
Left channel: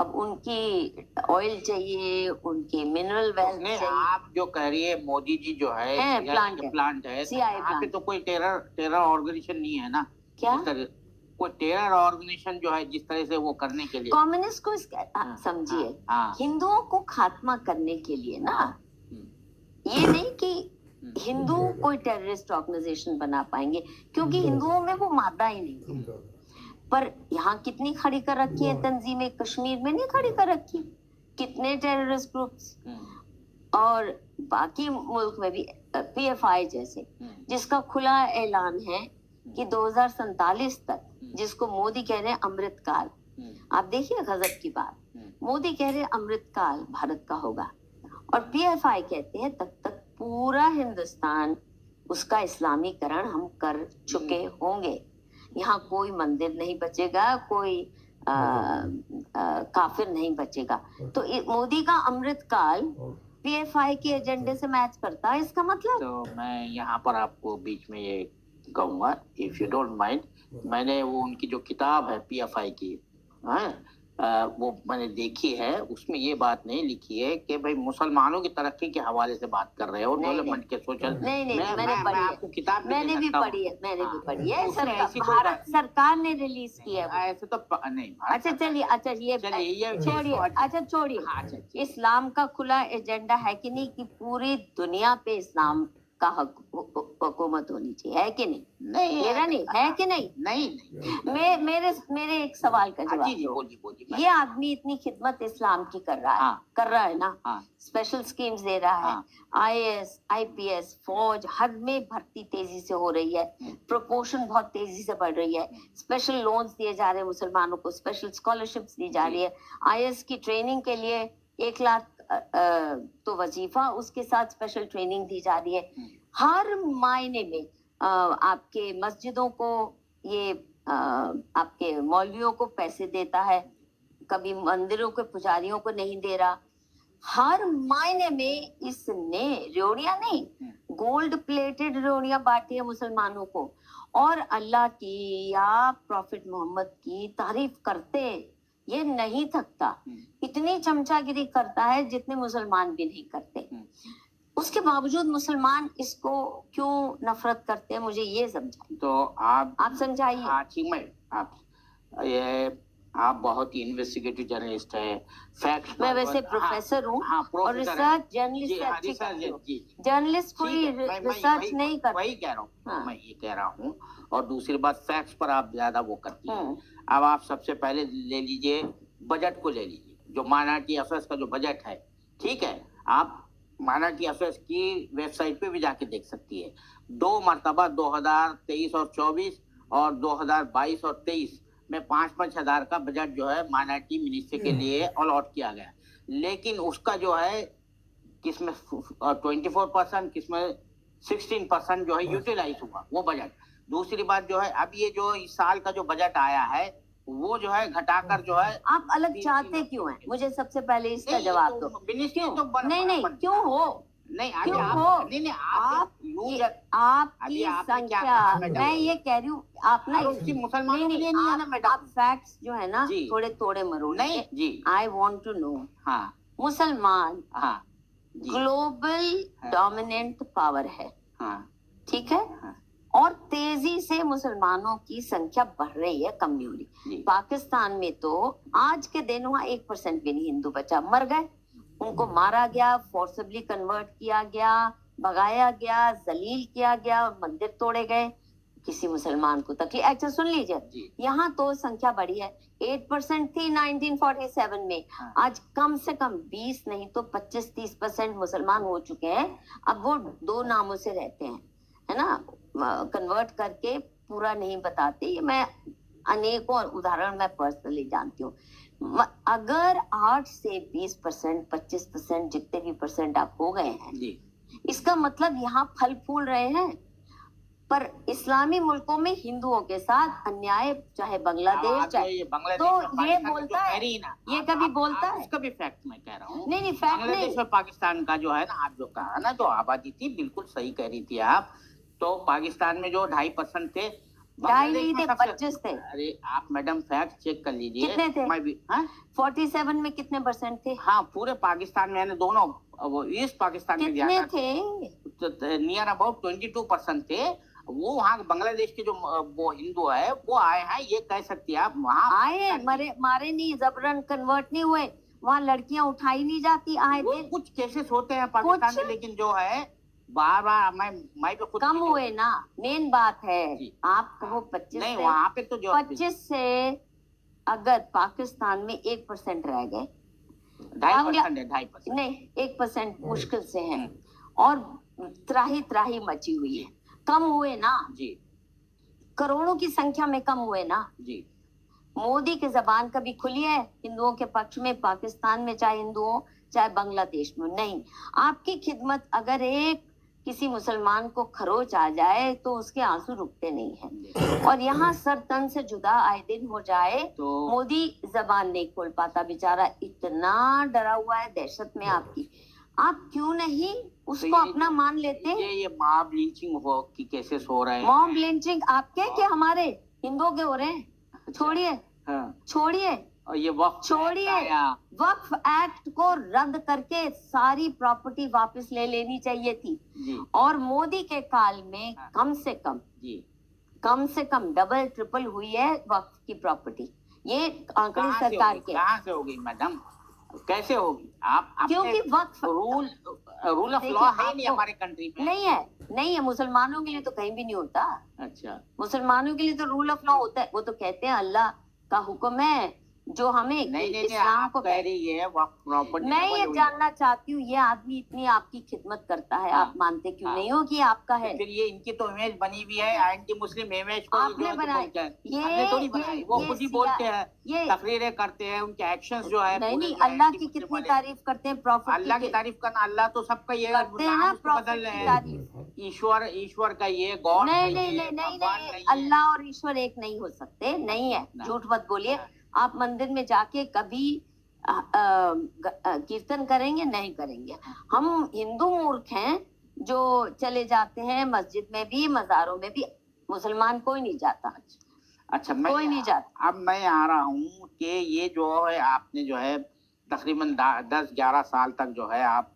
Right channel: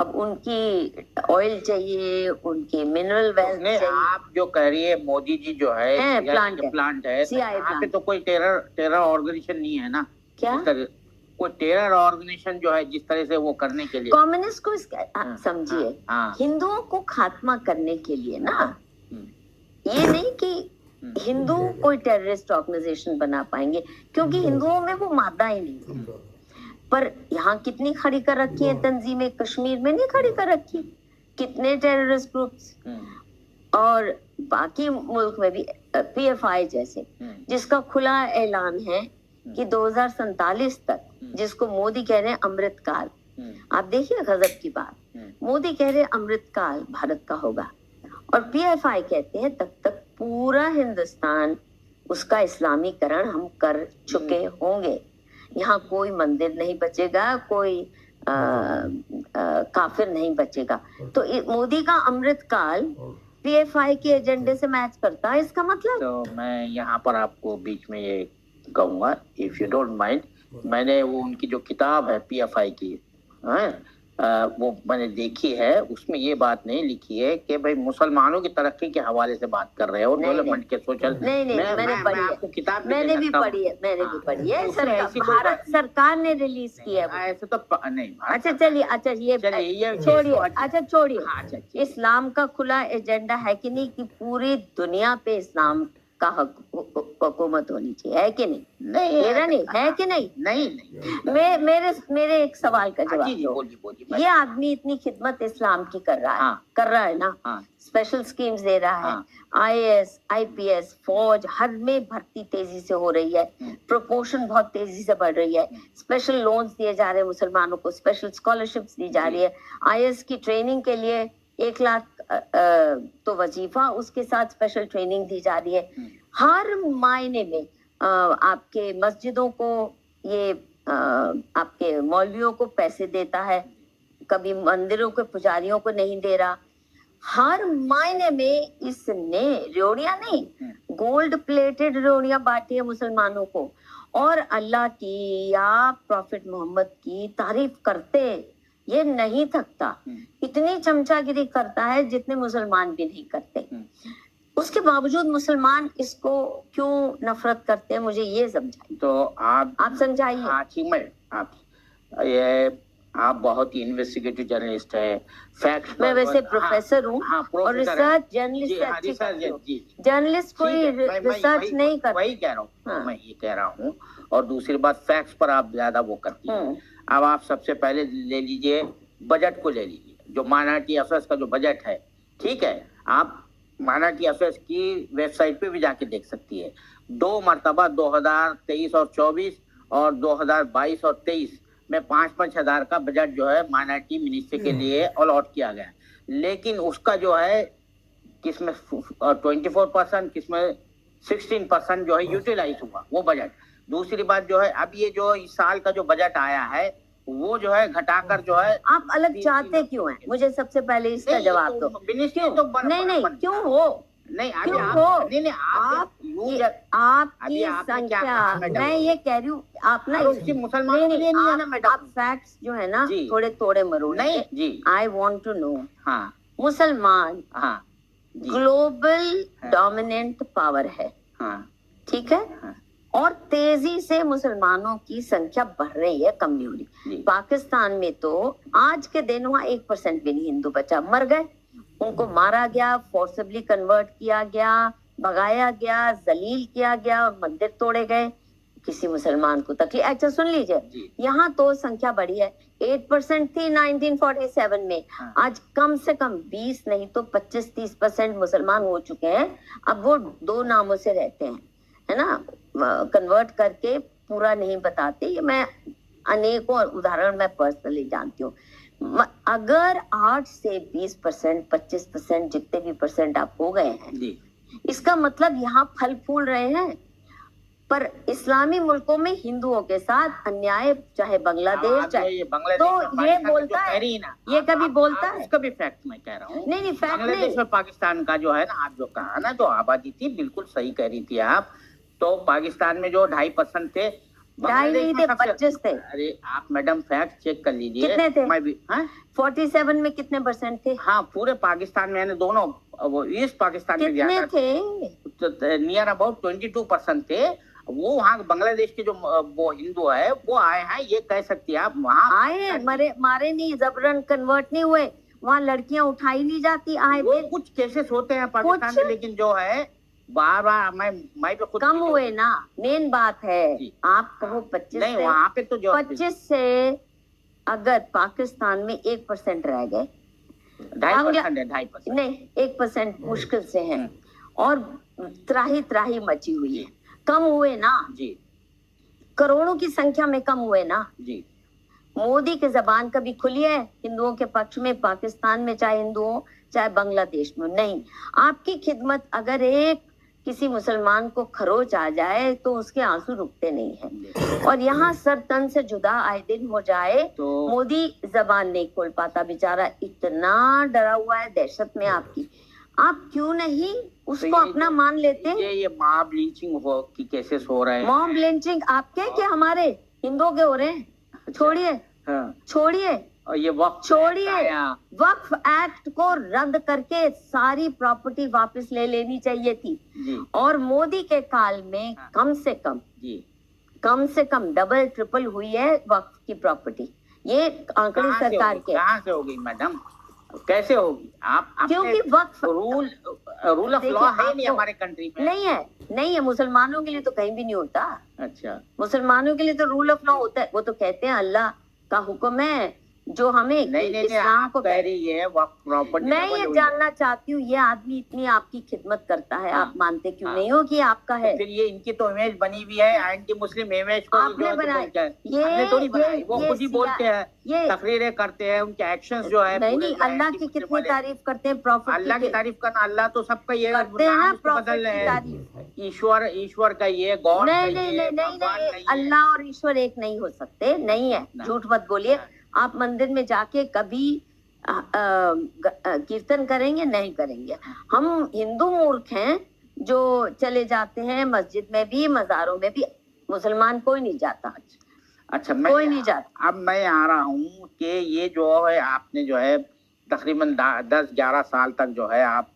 अब उनकी ऑयल चाहिए, उनकी मिनरल वेल्थ चाहिए। आप जो कह रही है मोदी जी जो है प्लांट है, CIA यहाँ पे तो कोई टेरर ऑर्गेनाइजेशन नहीं है ना। क्या कोई टेरर ऑर्गेनाइजेशन जो है जिस तरह से वो करने के लिए, कम्युनिस्ट को समझिए, हिंदुओं को खात्मा करने के लिए ना, ये नहीं कि हिंदू कोई टेररिस्ट ऑर्गेनाइजेशन बना पाएंगे, क्योंकि हिंदुओं में वो मादा ही नहीं है। पर यहाँ कितनी खड़ी कर रखी है तंजीमें, कश्मीर में नहीं खड़ी कर रखी, कितने टेररिस्ट ग्रुप्स, और बाकी मुल्क में भी PFI जैसे, जिसका खुला ऐलान है कि 2047 तक, जिसको मोदी कह रहे हैं अमृतकाल, आप देखिए गजब की बात, मोदी कह रहे हैं अमृतकाल भारत का होगा, और PFI कहते हैं तब तक पूरा हिंदुस्तान, उसका इस्लामीकरण हम कर चुके होंगे, यहाँ कोई मंदिर नहीं बचेगा, कोई काफिर नहीं बचेगा। तो मोदी का अमृतकाल PFI के एजेंडे से मैच करता है, इसका मतलब। तो मैं यहाँ पर आपको बीच में ये कहूँगा, इफ यू डोंट माइंड, मैंने वो उनकी जो किताब है PFI की, वो मैंने देखी है, उसमें ये बात नहीं लिखी है कि भाई मुसलमानों की तरक्की के हवाले से बात कर रहे हैं और डेवलपमेंट के सोशल। नहीं, मैंने पढ़ी है, आपको किताब मैंने भी पढ़ी है, भारत सरकार ने रिलीज की है। ऐसे तो नहीं। अच्छा चलिए, अच्छा ये छोड़िए, अच्छा छोड़िए, इस्लाम का खुला एजेंडा है कि नहीं, कि पूरी दुनिया पे इस्लाम का हुकूमत होनी चाहिए, है कि नहीं? नहीं, मेरा नहीं है कि नहीं? नहीं। मेरे एक सवाल का जवाब। बोलिए। ये आदमी इतनी खिदमत इस्लाम की कर रहा है ना, स्पेशल स्कीम्स दे रहा है, IAS, IPS, फौज, हर में भर्ती तेजी से हो रही है, प्रोपोर्शन बहुत तेजी से बढ़ रही है, स्पेशल लोन्स दिए जा रहे हैं मुसलमानों को, स्पेशल स्कॉलरशिप्स दी जा रही है, IAS की ट्रेनिंग के लिए 1 लाख तो वजीफा, उसके साथ स्पेशल ट्रेनिंग दी जा रही है। हर मायने में आपके मस्जिदों को, ये आपके मौलवियों को पैसे देता है, कभी मंदिरों के पुजारियों को नहीं दे रहा, हर मायने में इसने रेवड़ियां नहीं, गोल्ड प्लेटेड रेवड़ियां बांटी है मुसलमानों को, और अल्लाह की या प्रॉफिट मोहम्मद की तारीफ करते ये नहीं थकता। इतनी चमचागिरी करता है जितने मुसलमान भी नहीं करते। उसके बावजूद मुसलमान इसको क्यों नफरत करते हैं, मुझे ये समझाइए। तो आप समझाइए। हाँ ठीक, मैं आप बहुत ही इन्वेस्टिगेटिव जर्नलिस्ट है, फैक्ट मैं वैसे प्रोफेसर हूँ हाँ, और रिसर्च जर्नलिस्ट जर्नलिस्ट कोई रिसर्च नहीं करता। वही कह रहा हूँ हाँ। मैं ये कह रहा हूँ। और दूसरी बात, फैक्ट्स पर आप ज्यादा वो करती हैं। अब आप सबसे पहले ले लीजिए, बजट को ले लीजिए, जो माइनॉरिटी अफेयर्स का जो बजट है, ठीक है, आप माइनॉरिटी अफेयर्स की वेबसाइट पे भी जाके देख सकती है। 2 मरतबा 2023 और 24 और 2022 और 23 में 5-5 हजार का बजट जो है माइनॉरिटी मिनिस्ट्री के लिए अलॉट किया गया, लेकिन उसका जो है किसमें 24%, किसमें 16% जो है यूटिलाइज हुआ वो बजट। दूसरी बात जो है, अब ये जो इस साल का जो बजट आया है वो जो है घटाकर जो है, आप अलग चाहते क्यों हैं? मुझे सबसे पहले इसका जवाब दो। नहीं क्यों हो? नहीं क्यों हो? आपकी संख्या, मैं ये कह रही हूँ आप ना मुसलमानों के लिए नहीं है ना मैडम। आप फैक्ट्स जो है ना थोड़े तोड़े मरोड़े नहीं जी। I want to know. हाँ, मुसलमान हाँ ग्लोबल डोमिनेंट पावर है, हाँ ठीक है, और तेजी से मुसलमानों की संख्या बढ़ रही है, कम नहीं हो रही। पाकिस्तान में तो आज के दिन वहाँ 1% भी नहीं हिंदू बचा, मर गए, उनको मारा गया, फोर्सिबली कन्वर्ट किया गया, भगाया गया, जलील किया गया और मंदिर तोड़े गए, किसी मुसलमान को तकलीफ। अच्छा सुन लीजिए, यहाँ तो संख्या बढ़ी है, 8% थी 1947 में, आज कम से कम 20 नहीं तो 25-30% मुसलमान हो चुके हैं। अब वो 2 नामों से रहते हैं, है ना, कन्वर्ट करके पूरा नहीं बताते। ये मैं अनेकों उदाहरण मैं पर्सनली जानती हूँ। अगर 8 से 20%, 25%, जितने भी परसेंट आप हो गए हैं, इसका मतलब यहाँ फल फूल रहे हैं। पर इस्लामी मुल्कों में हिंदुओं के साथ अन्याय, चाहे बांग्लादेश, चाहे तो ये बोलता है, ये कभी बोलता है? इसका भी फैक्ट मैं कह रहा हूँ। नहीं फैक्ट नहीं। बांग्लादेश में पाकिस्तान का जो है ना, आप जो कहा ना, जो आबादी थी, बिल्कुल सही कह रही थी आप। तो पाकिस्तान में जो 2.5% थे, 2.5 नहीं थे, 25 थे। अरे आप मैडम फैक्ट चेक कर लीजिए। कितने थे? मैं भी 47 में कितने परसेंट थे? हाँ, पूरे पाकिस्तान में, दोनों वो ईस्ट पाकिस्तान में कितने थे? नियर अबाउट 22% थे। वो वहाँ बांग्लादेश के जो वो हिंदू है वो आए हैं, ये कह सकती है आप। वहाँ आए, मारे नहीं, जबरन कन्वर्ट नहीं हुए, वहाँ लड़कियां उठाई नहीं जाती, आए वो कुछ केसेस होते हैं पाकिस्तान में, लेकिन जो है बार मैं भी खुद कम हुए ना। मेन बात है, आप कहो 25 नहीं, वहाँ पे तो जो 25 से अगर पाकिस्तान में 1% रह गए, 2.5% नहीं 1% मुश्किल से है, और त्राही मची हुई है। कम हुए ना जी, करोड़ों की संख्या में कम हुए ना जी। मोदी की जबान कभी खुली है हिंदुओं के पक्ष में, पाकिस्तान में, चाहे हिंदू हो चाहे बांग्लादेश में? नहीं। आपकी खिदमत, अगर एक किसी मुसलमान को खरोच आ जाए तो उसके आंसू रुकते नहीं हैं, और यहाँ सर तन से जुदा आए दिन हो जाए तो मोदी जबान नहीं खोल पाता, बेचारा इतना डरा हुआ है, दहशत में आपकी। आप क्यों नहीं उसको अपना मान लेते? ये मॉब लिंचिंग हो की केसेस हो रहे हैं। मॉब लिंचिंग आपके के हमारे हिंदुओं के हो रहे हैं? छोड़िए, छोड़िए, और ये छोड़िए, वक्फ एक्ट को रद्द करके सारी प्रॉपर्टी वापस ले लेनी चाहिए थी। और मोदी के काल में कम से कम डबल ट्रिपल हुई है वक्फ की प्रॉपर्टी। ये आंकड़े सरकार के। कहाँ से होगी मैडम, कैसे होगी? आप क्योंकि वक्फ रूल ऑफ लॉ है नहीं हमारे कंट्री में। नहीं है। मुसलमानों के लिए तो कहीं भी नहीं होता। अच्छा, मुसलमानों के लिए तो रूल ऑफ लॉ होता है। वो तो कहते हैं अल्लाह का हुक्म है जो हमें इस्लाम को कह रही है प्रॉपर्टी। मैं ये जानना चाहती हूँ, ये आदमी इतनी आपकी खिदमत करता है, आप मानते क्यों नहीं हो कि आपका है? तो फिर ये इनकी तो इमेज बनी हुई है, एंटी मुस्लिम इमेज को आपने बनाई, ये थोड़ी बनाई, वो खुद ही बोलते हैं, तकरीरें करते हैं, उनके एक्शंस जो है। नहीं, अल्लाह की कितनी तारीफ करते हैं, प्रॉफिट अल्लाह की तारीफ करना, अल्लाह तो सबका ये करते हैं, बदल रहे हैं। ईश्वर का ये गॉड नहीं, अल्लाह और ईश्वर एक नहीं हो सकते, नहीं है, झूठ मत बोलिए। आप मंदिर में जाके कभी कीर्तन करेंगे? नहीं करेंगे। हम हिंदू मूर्ख हैं जो चले जाते हैं मस्जिद में भी, मज़ारों में भी। मुसलमान कोई नहीं जाता। अच्छा, कोई नहीं जाता। अब मैं आ रहा हूँ कि ये जो है आपने जो है तकरीबन 10-11 साल तक जो है आप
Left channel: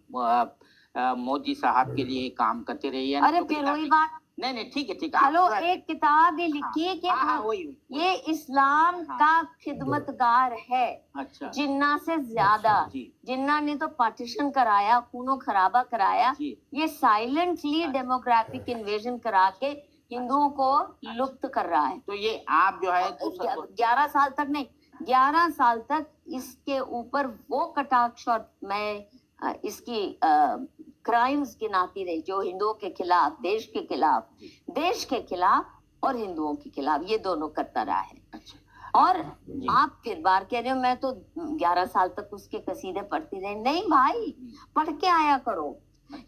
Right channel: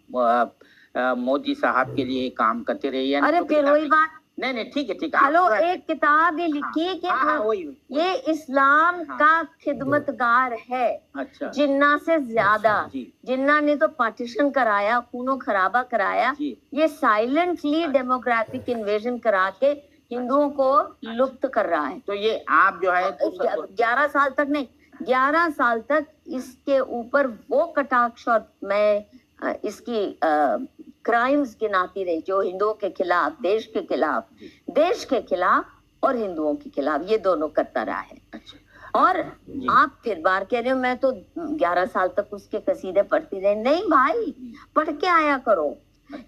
मोदी साहब के लिए काम करते रही हैं। अरे फिर वही बात। नहीं, ठीक है, ठीक है। हेलो, एक किताब ही लिखी है कि वही। ये इस्लाम का खिदमतगार है। अच्छा। जिन्ना से ज्यादा। जी। जिन्ना ने तो पार्टीशन कराया, खूनो खराबा कराया। ये साइलेंटली डेमोग्राफिक इन्वेजन करा के हिंदुओं को लुप्त कर रहा है। तो ये आप जो है 11 साल तक नहीं, 11 साल तक इसके ऊपर वो कटाक्ष और मैं इसकी क्राइम्स गिनाती रही जो हिंदुओं के खिलाफ, देश के खिलाफ और हिंदुओं के खिलाफ, ये दोनों करता रहा है। और आप फिर बार कह रहे हो मैं तो 11 साल तक उसके कसीदे पढ़ती रही। नहीं भाई, पढ़ के आया करो।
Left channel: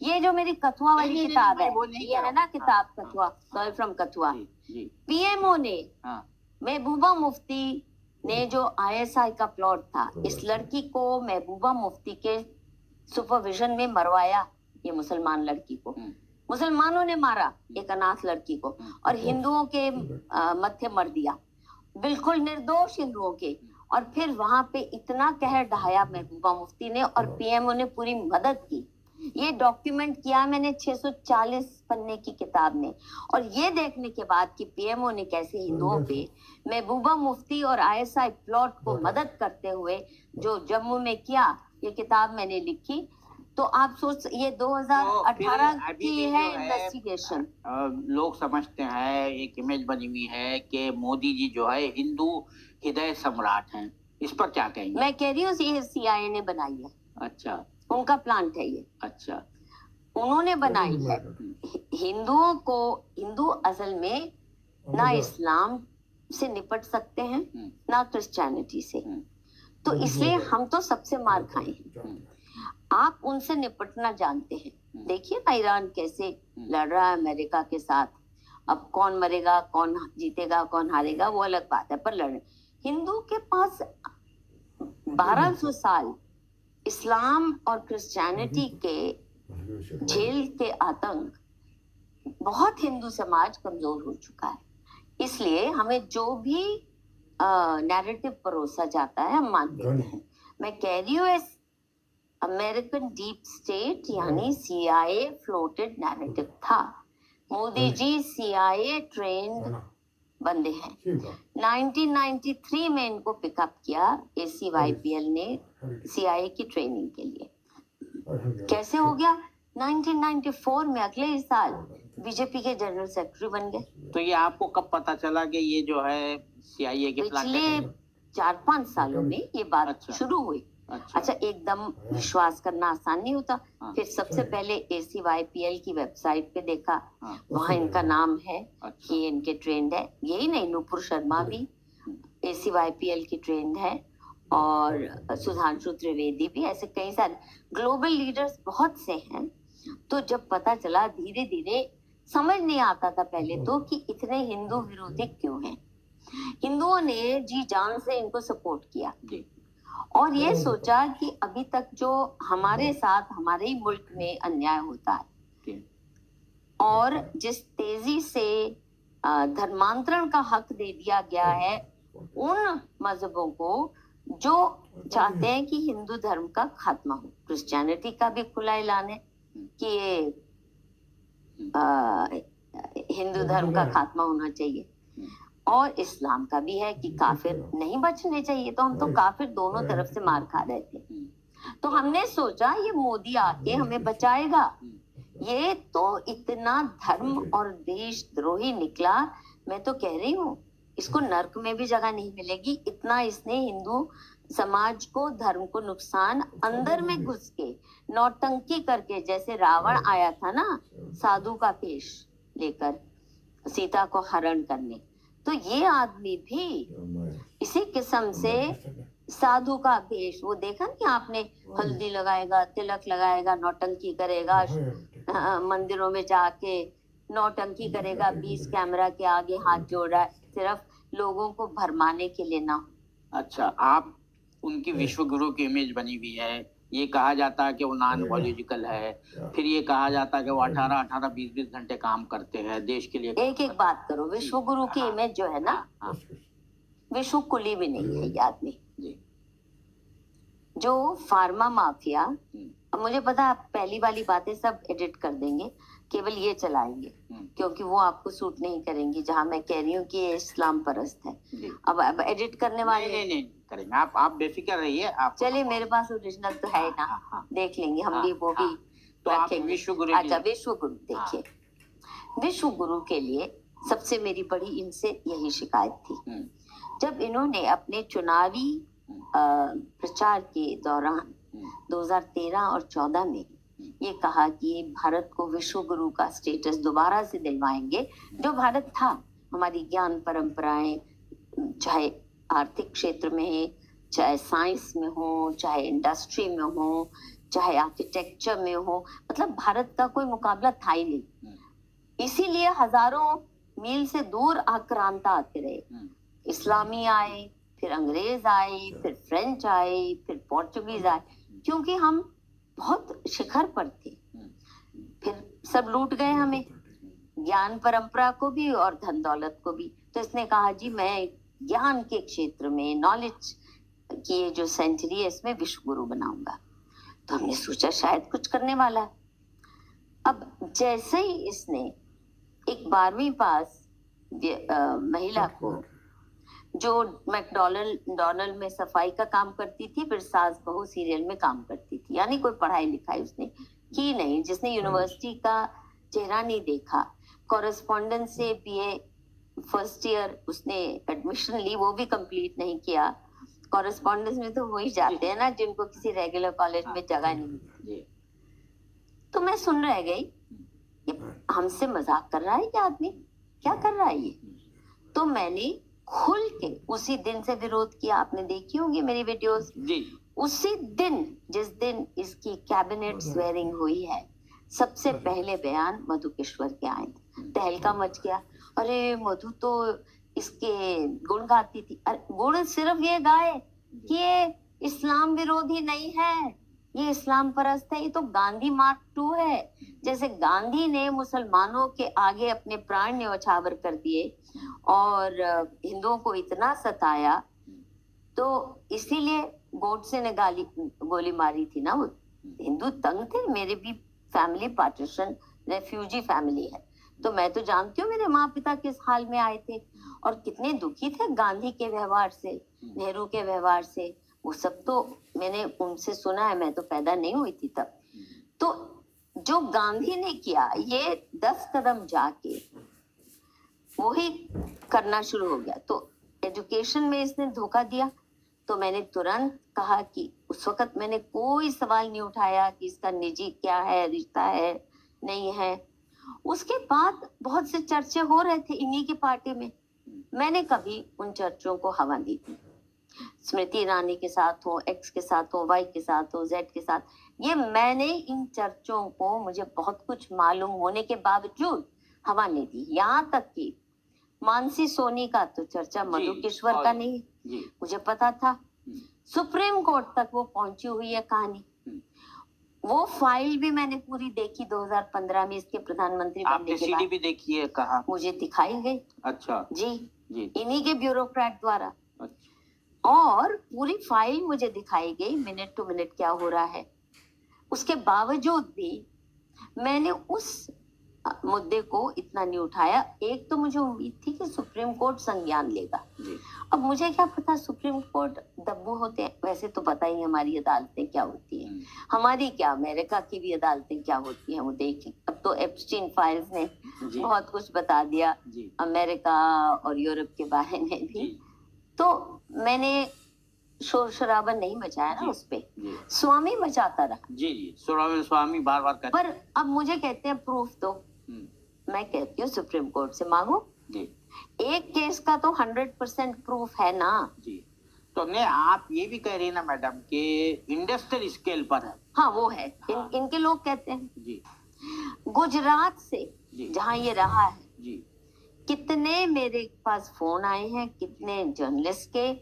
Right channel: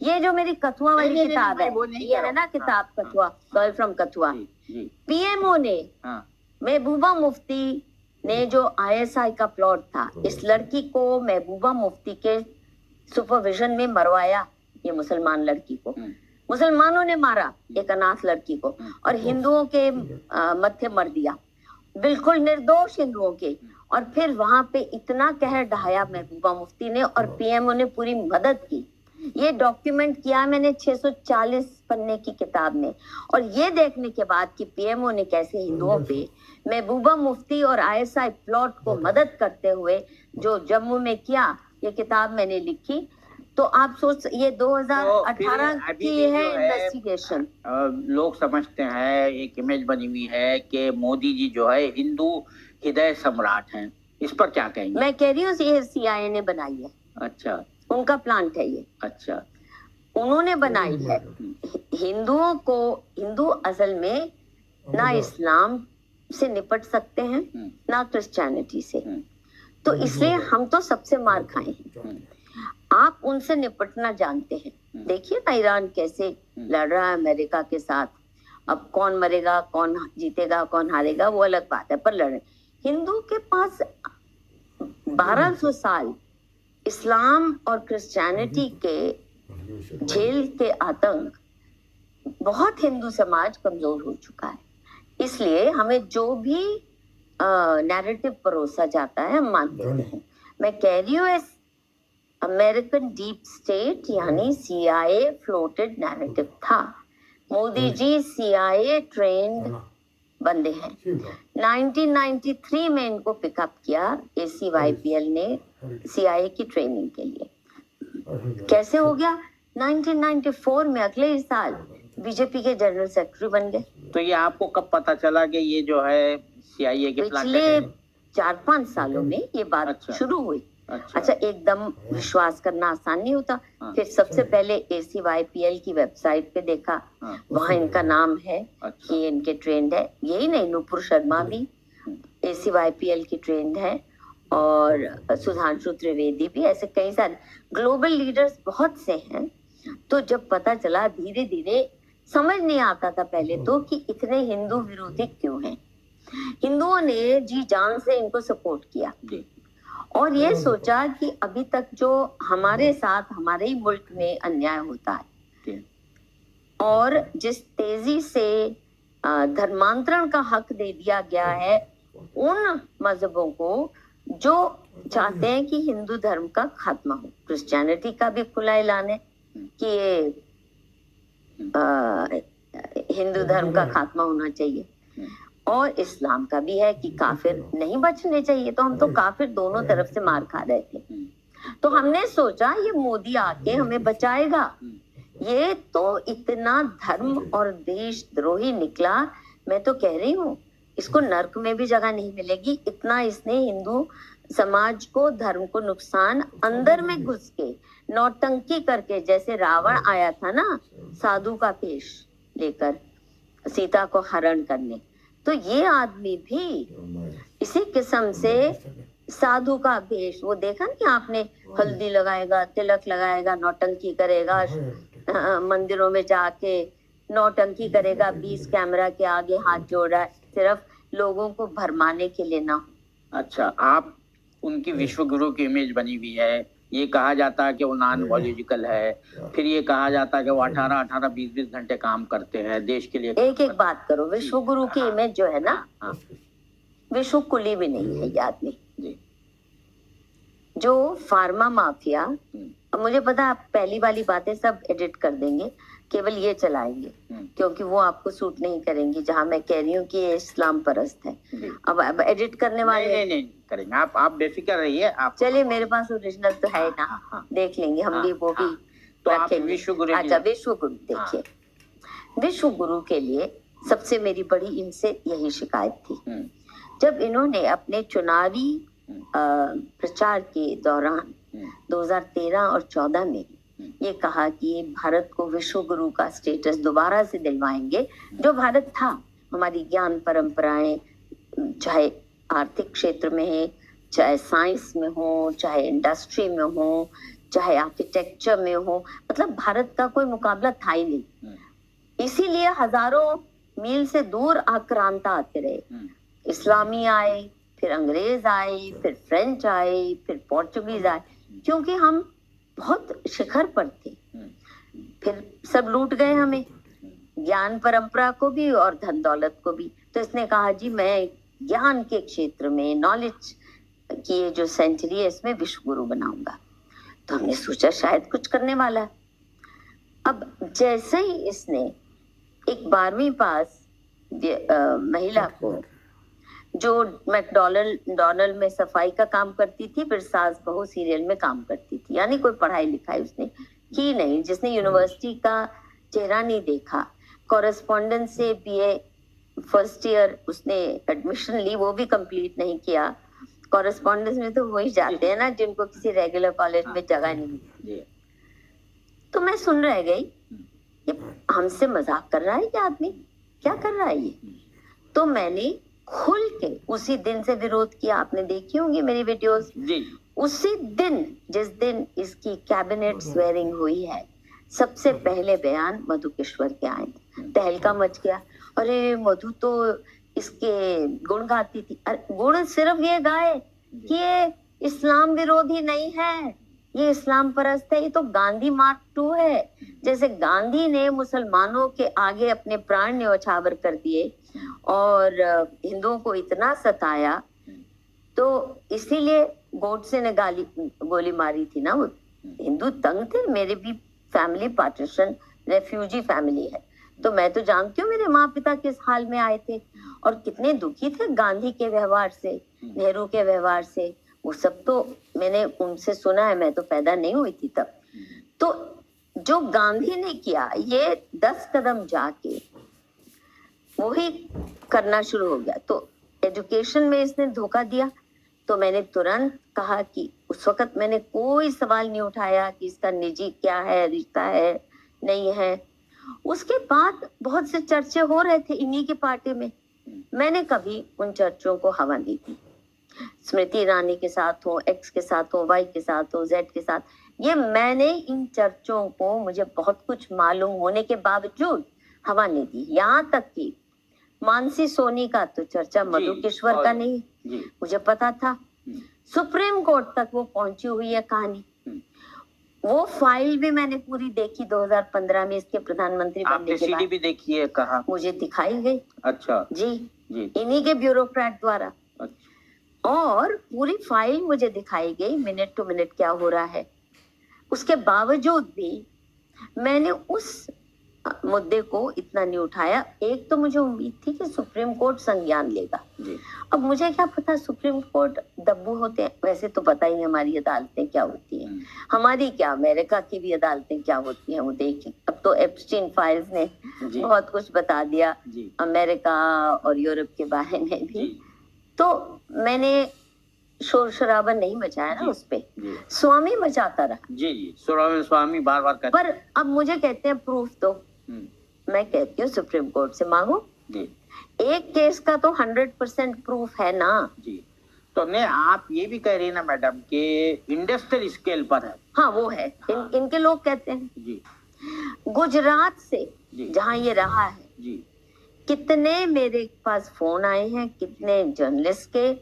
ये जो मेरी कथुआ वाली किताब है, ये है ना किताब Kathua, sorry from Kathua. PMO ने, महबूबा मुफ्ती ने जो आईएसआई का प्लॉट था, इस लड़की को महबूबा मुफ्ती के सुपरविजन में मरवाया। ये मुसलमान लड़की को मुसलमानों ने मारा, एक अनाथ लड़की को, और हिंदुओं के मत्थे मर दिया, बिल्कुल निर्दोष हिंदुओं के। और फिर वहां पे इतना कहर ढाया महबूबा मुफ्ती ने, और पीएमओ ने पूरी मदद की। ये डॉक्यूमेंट किया मैंने 640 पन्ने की किताब में। और ये देखने के बाद कि पीएमओ ने कैसे हिंदुओं पे महबूबा मुफ्ती और आईएसआई प्लॉट को मदद करते हुए जो जम्मू में किया, ये किताब मैंने लिखी। तो आप सोच, ये 2018 की है इन्वेस्टिगेशन। लोग समझते हैं, एक इमेज बनी हुई है कि मोदी जी जो है हिंदू हृदय सम्राट हैं। इस पर क्या कहेंगे? मैं कह रही हूँ ये सीआईए ने बनाई है। अच्छा, उनका प्लांट है ये। अच्छा, उन्होंने बनाई है। हिंदुओं को, हिंदू असल में ना इस्लाम से निपट सकते हैं ना क्रिश्चियनिटी से, तो इसलिए हम तो सबसे मार खाए हैं। आप उनसे निपटना जानते हैं। देखिए ना ईरान कैसे लड़ रहा है अमेरिका के साथ। अब कौन मरेगा, कौन जीतेगा, कौन हारेगा, वो अलग बात है, पर लड़। हिंदू के पास 1200 साल इस्लाम और क्रिश्चियनिटी के झेल के आतंक, बहुत हिंदू समाज कमजोर हो चुका है। इसलिए हमें जो भी नैरेटिव परोसा जाता है हम मान लेते हैं। मैं कह रही हूँ इस अमेरिकन डीप स्टेट यानी सीआईए फ्लोटेड नैरेटिव था। मोदी जी सीआईए ट्रेंड बंदे हैं। 1993 में इनको पिकअप किया ACYPL ने सीआईए की ट्रेनिंग के लिए। कैसे हो गया? 1994 में, अगले ही साल बीजेपी के जनरल सेक्रेटरी बन गए। तो ये आपको कब पता चला कि ये जो है सीआईए के पिछले 4-5 सालों में ये बात शुरू हुई। अच्छा, एकदम विश्वास करना आसान नहीं होता। फिर सबसे पहले ACYPL की वेबसाइट पे देखा, वहाँ इनका नाम है कि इनके ट्रेंड है। यही नहीं, नुपुर शर्मा भी ACYPL की ट्रेंड है, और सुधांशु त्रिवेदी भी, ऐसे कई सारे ग्लोबल लीडर्स बहुत से हैं। तो जब पता चला, धीरे धीरे समझ नहीं आता था पहले तो कि इतने हिंदू विरोधी क्यों हैं। हिंदुओं ने जी जान से इनको सपोर्ट किया और ये सोचा कि अभी तक जो हमारे साथ हमारे ही मुल्क में अन्याय होता है और जिस तेजी से धर्मांतरण का हक दे दिया गया है उन मजहबों को जो चाहते हैं कि हिंदू धर्म का खात्मा हो। क्रिश्चियनिटी का भी खुला ऐलान है कि ये हिंदू धर्म का खात्मा होना चाहिए, और इस्लाम का भी है कि काफिर नहीं बचने चाहिए। तो हम तो काफिर दोनों तरफ से मार खा रहे थे। तो हमने सोचा ये मोदी आके हमें बचाएगा। ये तो इतना धर्म और देशद्रोही निकला, मैं तो कह रही हूँ इसको नर्क में भी जगह नहीं मिलेगी। इतना इसने हिंदू समाज को, धर्म को नुकसान, अंदर में घुस के नौटंकी करके, जैसे रावण आया था ना साधु का वेश लेकर सीता को हरण करने, तो ये आदमी भी इसी किस्म से साधु का वेश, वो देखा नहीं आपने, हल्दी लगाएगा, तिलक लगाएगा, नौटंकी करेगा, मंदिरों में जाके नौटंकी करेगा, 20 कैमरा के आगे हाथ जोड़ रहा है, सिर्फ लोगों को भरमाने के लिए ना। अच्छा, आप उनकी विश्व गुरु की इमेज बनी हुई है। ये कहा जाता है कि वो नॉन बायोलॉजिकल है, फिर ये कहा जाता है कि वो 18-18, 20-20 घंटे काम करते हैं देश के लिए। एक एक बात करो, विश्व गुरु की इमेज जो है ना, हाँ, विश्व कुली भी नहीं है ये आदमी। जी, जो फार्मा माफिया, अब मुझे पता है आप पहली वाली बातें सब एडिट कर देंगे, केवल ये चलाएंगे क्योंकि वो आपको सूट नहीं करेंगी, जहां मैं कह रही हूँ कि ये इस्लाम परस्त है। अब एडिट करने वाले नहीं करेंगे, आप बेफिक्र रहिए। आप चलिए, मेरे पास ओरिजिनल तो है ना, देख लेंगे हम भी, वो भी तो आप रखेंगे। विश्व गुरु अच्छा, विश्व गुरु देखिए, विश्व गुरु के लिए सबसे मेरी बड़ी इनसे यही शिकायत थी, जब इन्होंने अपने चुनावी प्रचार के दौरान 2013 और 14 में ये कहा कि भारत को विश्व गुरु का स्टेटस दोबारा से दिलवाएंगे, जो भारत था। हमारी ज्ञान परंपराएं, चाहे आर्थिक क्षेत्र में है, चाहे साइंस में हो, चाहे इंडस्ट्री में हो, चाहे आर्किटेक्चर में हो, मतलब भारत का कोई मुकाबला था ही नहीं। इसीलिए हजारों मील से दूर आक्रांता आते रहे। इस्लामी आए, फिर अंग्रेज आए, फिर फ्रेंच आए, फिर पोर्चुगीज आए, क्योंकि हम बहुत शिखर पर थे। फिर सब लूट गए हमें, ज्ञान परंपरा को भी और धन दौलत को भी। तो इसने कहा जी मैं ज्ञान के क्षेत्र में, नॉलेज की ये जो सेंचुरी है इसमें विश्व गुरु बनाऊंगा। तो हमने सोचा शायद कुछ करने वाला है। अब जैसे ही इसने एक 12वीं पास महिला को, जो मैकडॉनल्ड में सफाई का काम करती थी, फिर सास बहू सीरियल में काम करती थी, यानी कोई पढ़ाई लिखाई उसने की नहीं, जिसने यूनिवर्सिटी का चेहरा नहीं देखा, कॉरेस्पॉन्डेंस से बीए फर्स्ट ईयर उसने एडमिशन ली, वो भी कंप्लीट नहीं किया। कॉरेस्पॉन्डेंस में तो वही जाते हैं ना जिनको किसी रेगुलर कॉलेज में जगह नहीं मिलती। तो मैं सुन रह गई, ये हमसे मजाक कर रहा है क्या आदमी, क्या कर रहा है ये। तो मैंने खुल के उसी दिन से विरोध किया। आपने देखी होंगी मेरी वीडियोस जी। उसी दिन, जिस दिन इसकी कैबिनेट स्वेरिंग हुई है, सबसे पहले बयान मधु किश्वर के आए, तहलका मच गया। अरे मधु तो इसके गुण गाती थी। अरे गुण सिर्फ ये गाए कि ये इस्लाम विरोधी नहीं है, ये इस्लाम परस्त है, ये तो गांधी मार्क 2 है। जैसे गांधी ने मुसलमानों के आगे अपने प्राण न्यौछावर कर दिए और हिंदुओं को इतना सताया, तो इसीलिए गोडसे ने गोली मारी थी ना। वो हिंदू तंग थे, मेरे भी फैमिली पार्टीशन रेफ्यूजी फैमिली है, तो मैं तो जानती हूँ मेरे माँ पिता किस हाल में आए थे और कितने दुखी थे गांधी के व्यवहार से, नेहरू के व्यवहार से। वो सब तो मैंने उनसे सुना है, मैं तो पैदा नहीं हुई थी तब। तो जो गांधी ने किया, ये 10 कदम जाके वही करना शुरू हो गया। तो एजुकेशन में इसने धोखा दिया। तो मैंने तुरंत कहा कि उस वक्त मैंने कोई सवाल नहीं उठाया कि इसका निजी क्या है, रिश्ता है नहीं है। उसके बाद बहुत से चर्चे हो रहे थे इन्हीं की पार्टी में, मैंने कभी उन चर्चों को हवा नहीं दी। स्मृति ईरानी के साथ हो, एक्स के साथ हो, वाई के साथ हो, जेड के साथ, ये मैंने इन चर्चों को, मुझे बहुत कुछ मालूम होने के बावजूद हवा नहीं दी। यहाँ तक कि मानसी सोनी का तो चर्चा मधु किश्वर का नहीं, मुझे पता था। सुप्रीम कोर्ट तक वो पहुंची हुई है कहानी। वो फाइल भी मैंने पूरी देखी 2015 में इसके प्रधानमंत्री बनने के बाद। भी देखी है, कहा मुझे दिखाई गई। अच्छा जी, इन्हीं के ब्यूरोक्रेट द्वारा। अच्छा। और पूरी फाइल मुझे दिखाई गई, मिनट टू मिनट क्या हो रहा है। उसके बावजूद भी मैंने उस मुद्दे को इतना नहीं उठाया। एक तो मुझे उम्मीद थी कि सुप्रीम कोर्ट संज्ञान लेगा। अब मुझे क्या पता सुप्रीम कोर्ट दब्बू होते हैं, वैसे तो पता ही हमारी अदालतें क्या होती हैं, हमारी क्या, अमेरिका की भी अदालतें क्या होती हैं वो देखी। अब तो एप्स्टीन फाइल्स ने बहुत कुछ बता दिया अमेरिका और यूरोप के बारे में भी। तो मैंने शोर शराबा नहीं मचाया ना उस पे, स्वामी मचाता रहा। जी, स्वामी बार बार कहते। पर अब मुझे कहते हैं प्रूफ दो, मैं कहती हूँ सुप्रीम कोर्ट से मांगो। एक केस का तो 100% प्रूफ है ना जी। तो नहीं, आप ये भी कह रही है ना मैडम कि इंडस्ट्रियल स्केल पर है। हाँ वो है। हाँ। इनके लोग कहते हैं जी। गुजरात से जहाँ ये रहा है जी, कितने मेरे पास फोन आए हैं, कितने जर्नलिस्ट के,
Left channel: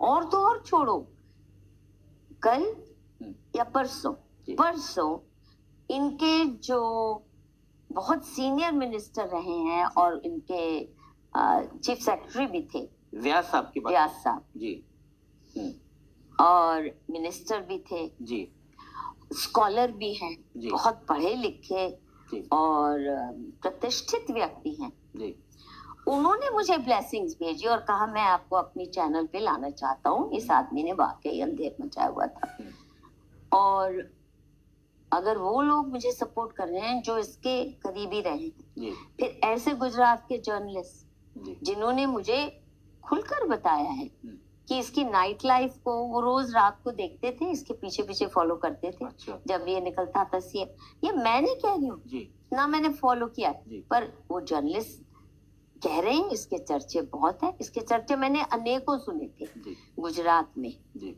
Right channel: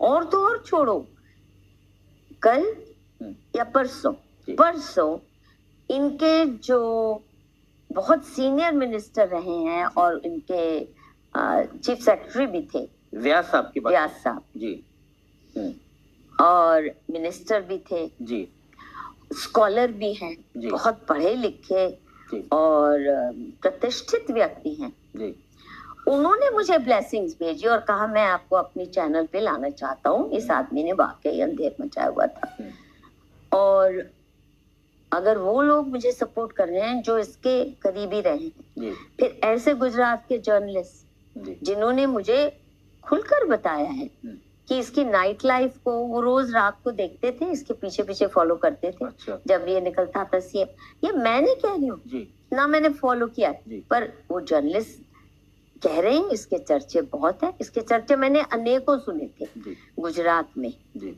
और तो और छोड़ो, कल हम्म, या परसों जी। परसों इनके जो बहुत सीनियर मिनिस्टर रहे हैं और इनके चीफ सेक्रेटरी भी थे, व्यास साहब की बात। व्यास साहब, जी। हम्म, और मिनिस्टर भी थे, जी स्कॉलर भी हैं, जी बहुत पढ़े लिखे जी और प्रतिष्ठित व्यक्ति हैं। जी उन्होंने मुझे ब्लेसिंग्स भेजी और कहा मैं आपको अपनी चैनल पे लाना चाहता हूँ। इस आदमी ने वाकई अंधेर मचाया हुआ था। और अगर वो लोग मुझे सपोर्ट कर रहे हैं जो इसके करीबी रहे हैं, जी फिर ऐसे गुजरात के जर्नलिस्ट जी जिन्होंने मुझे खुलकर बताया है कि इसकी नाइट लाइफ को वो रोज रात को देखते थे, इसके पीछे पीछे फॉलो करते थे। अच्छा। जब ये निकलता था सीएम, ये मैं नहीं कह रही हूँ जी ना, मैंने फॉलो किया, जी। पर वो जर्नलिस्ट कह रहे हैं इसके चर्चे बहुत है। इसके चर्चे मैंने अनेकों सुने थे जी गुजरात में जी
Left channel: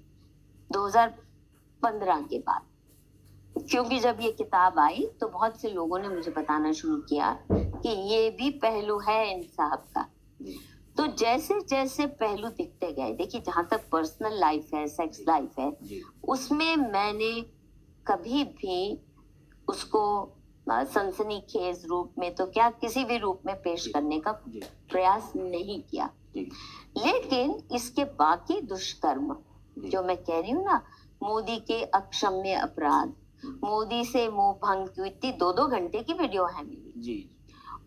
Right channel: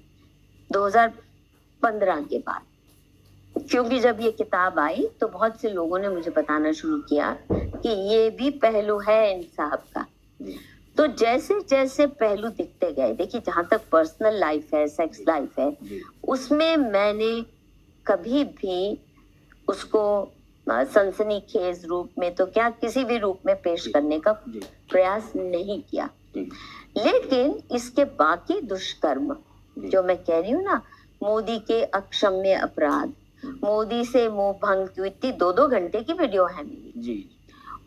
2015 के बाद, क्योंकि जब ये किताब आई तो बहुत से लोगों ने मुझे बताना शुरू किया कि ये भी पहलू है इन साहब का। जी तो जैसे जैसे पहलू दिखते गए, देखिए जहां तक पर्सनल लाइफ है, सेक्स लाइफ है, जी उसमें मैंने कभी भी उसको सनसनीखेज रूप में तो क्या किसी भी रूप में पेश जी। करने का जी प्रयास नहीं किया। जी लेकिन इसके बाकी दुष्कर्म जी। जो मैं कह रही हूँ ना, मोदी के अक्षम्य अपराध, मोदी से मोह भंग की इतनी 2-2 घंटे की वीडियो है मेरी, जी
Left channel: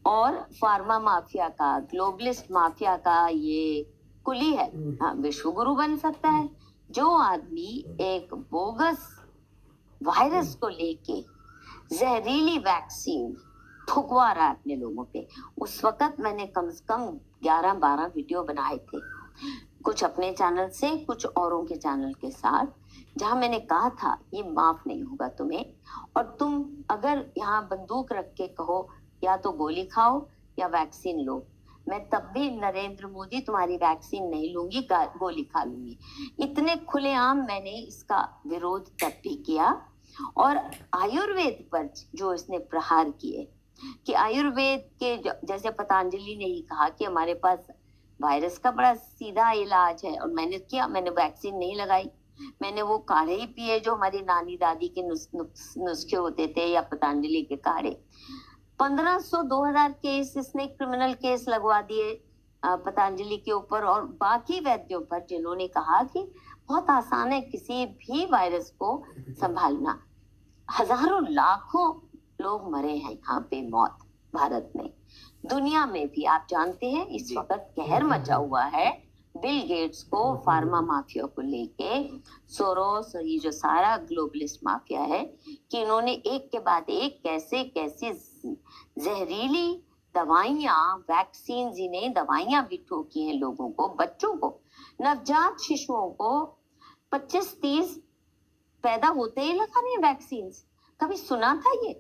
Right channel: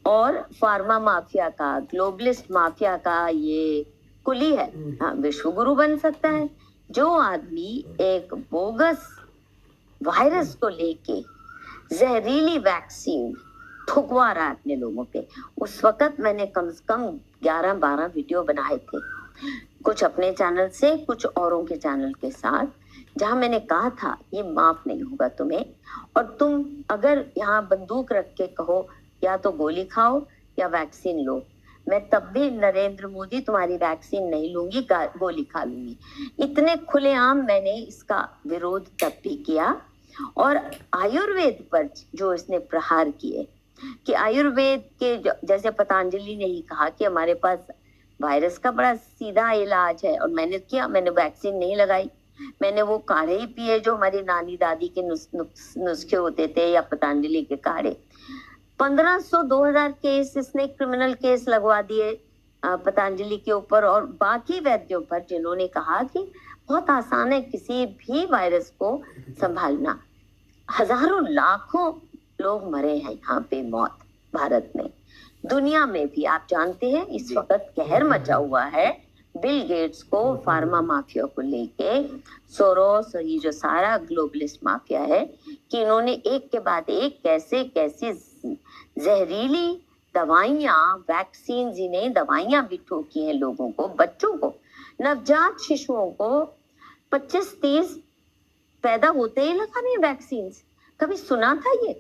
और फार्मा माफिया का, ग्लोबलिस्ट माफिया का ये कुली है। हाँ, विश्व गुरु बन सकता है जो आदमी एक बोगस वायरस को लेके जहरीली वैक्सीन थुकवा रहा है अपने लोगों पे। उस वक्त मैंने कम से कम 11-12 वीडियो बनाए थे, कुछ अपने चैनल से, कुछ औरों के चैनल के साथ, जहां मैंने कहा था ये माफ नहीं होगा तुम्हें, और तुम अगर यहाँ बंदूक रख के कहो या तो गोली खाओ या वैक्सीन लो, मैं तब भी नरेंद्र मोदी तुम्हारी वैक्सीन नहीं लूंगी, गोली खा लूंगी। इतने खुलेआम मैंने इसका विरोध तब भी किया। और आयुर्वेद पर जो इसने प्रहार किए, कि आयुर्वेद के जैसे पतंजलि ने ही कहा कि हमारे पास वायरस का बड़ा सीधा इलाज है, और मैंने किया, मैंने वैक्सीन नहीं लगाई, मैंने वो काढ़े ही पिए जो हमारी नानी दादी के नुस्खे होते थे, या पतंजलि के काढ़े। 1500-2000 केस इसने क्रिमिनल केस लगवा दिए पतंजलि के ऊपर और बाकी वैद्यों पर, जिन्होंने कहा कि बहुत आसान है किसी भी वायरस को संभालना। हजारों लाखों लोग मरे हैं यहाँ पे, मौत भारत में, दुनिया में भी। आप जानते हैं इस वक्त कहर मचा हुआ है बिल गेट्स को, फार्मा माफिया को लेके, सोरोस और ये जो सारा ग्लोबलिस्ट माफिया है, कि इन्होंने एक के बाद एक कैसे कैसे जहरीली दवाइयां, वैक्सीन, जिन्हें दवाइयां भी ठोकी हैं लोगों को, बच्चों को, नवजात शिशुओं को 25-30 पैदा होते ही लगा रहे वैक्सीन। कभी सुना था ये?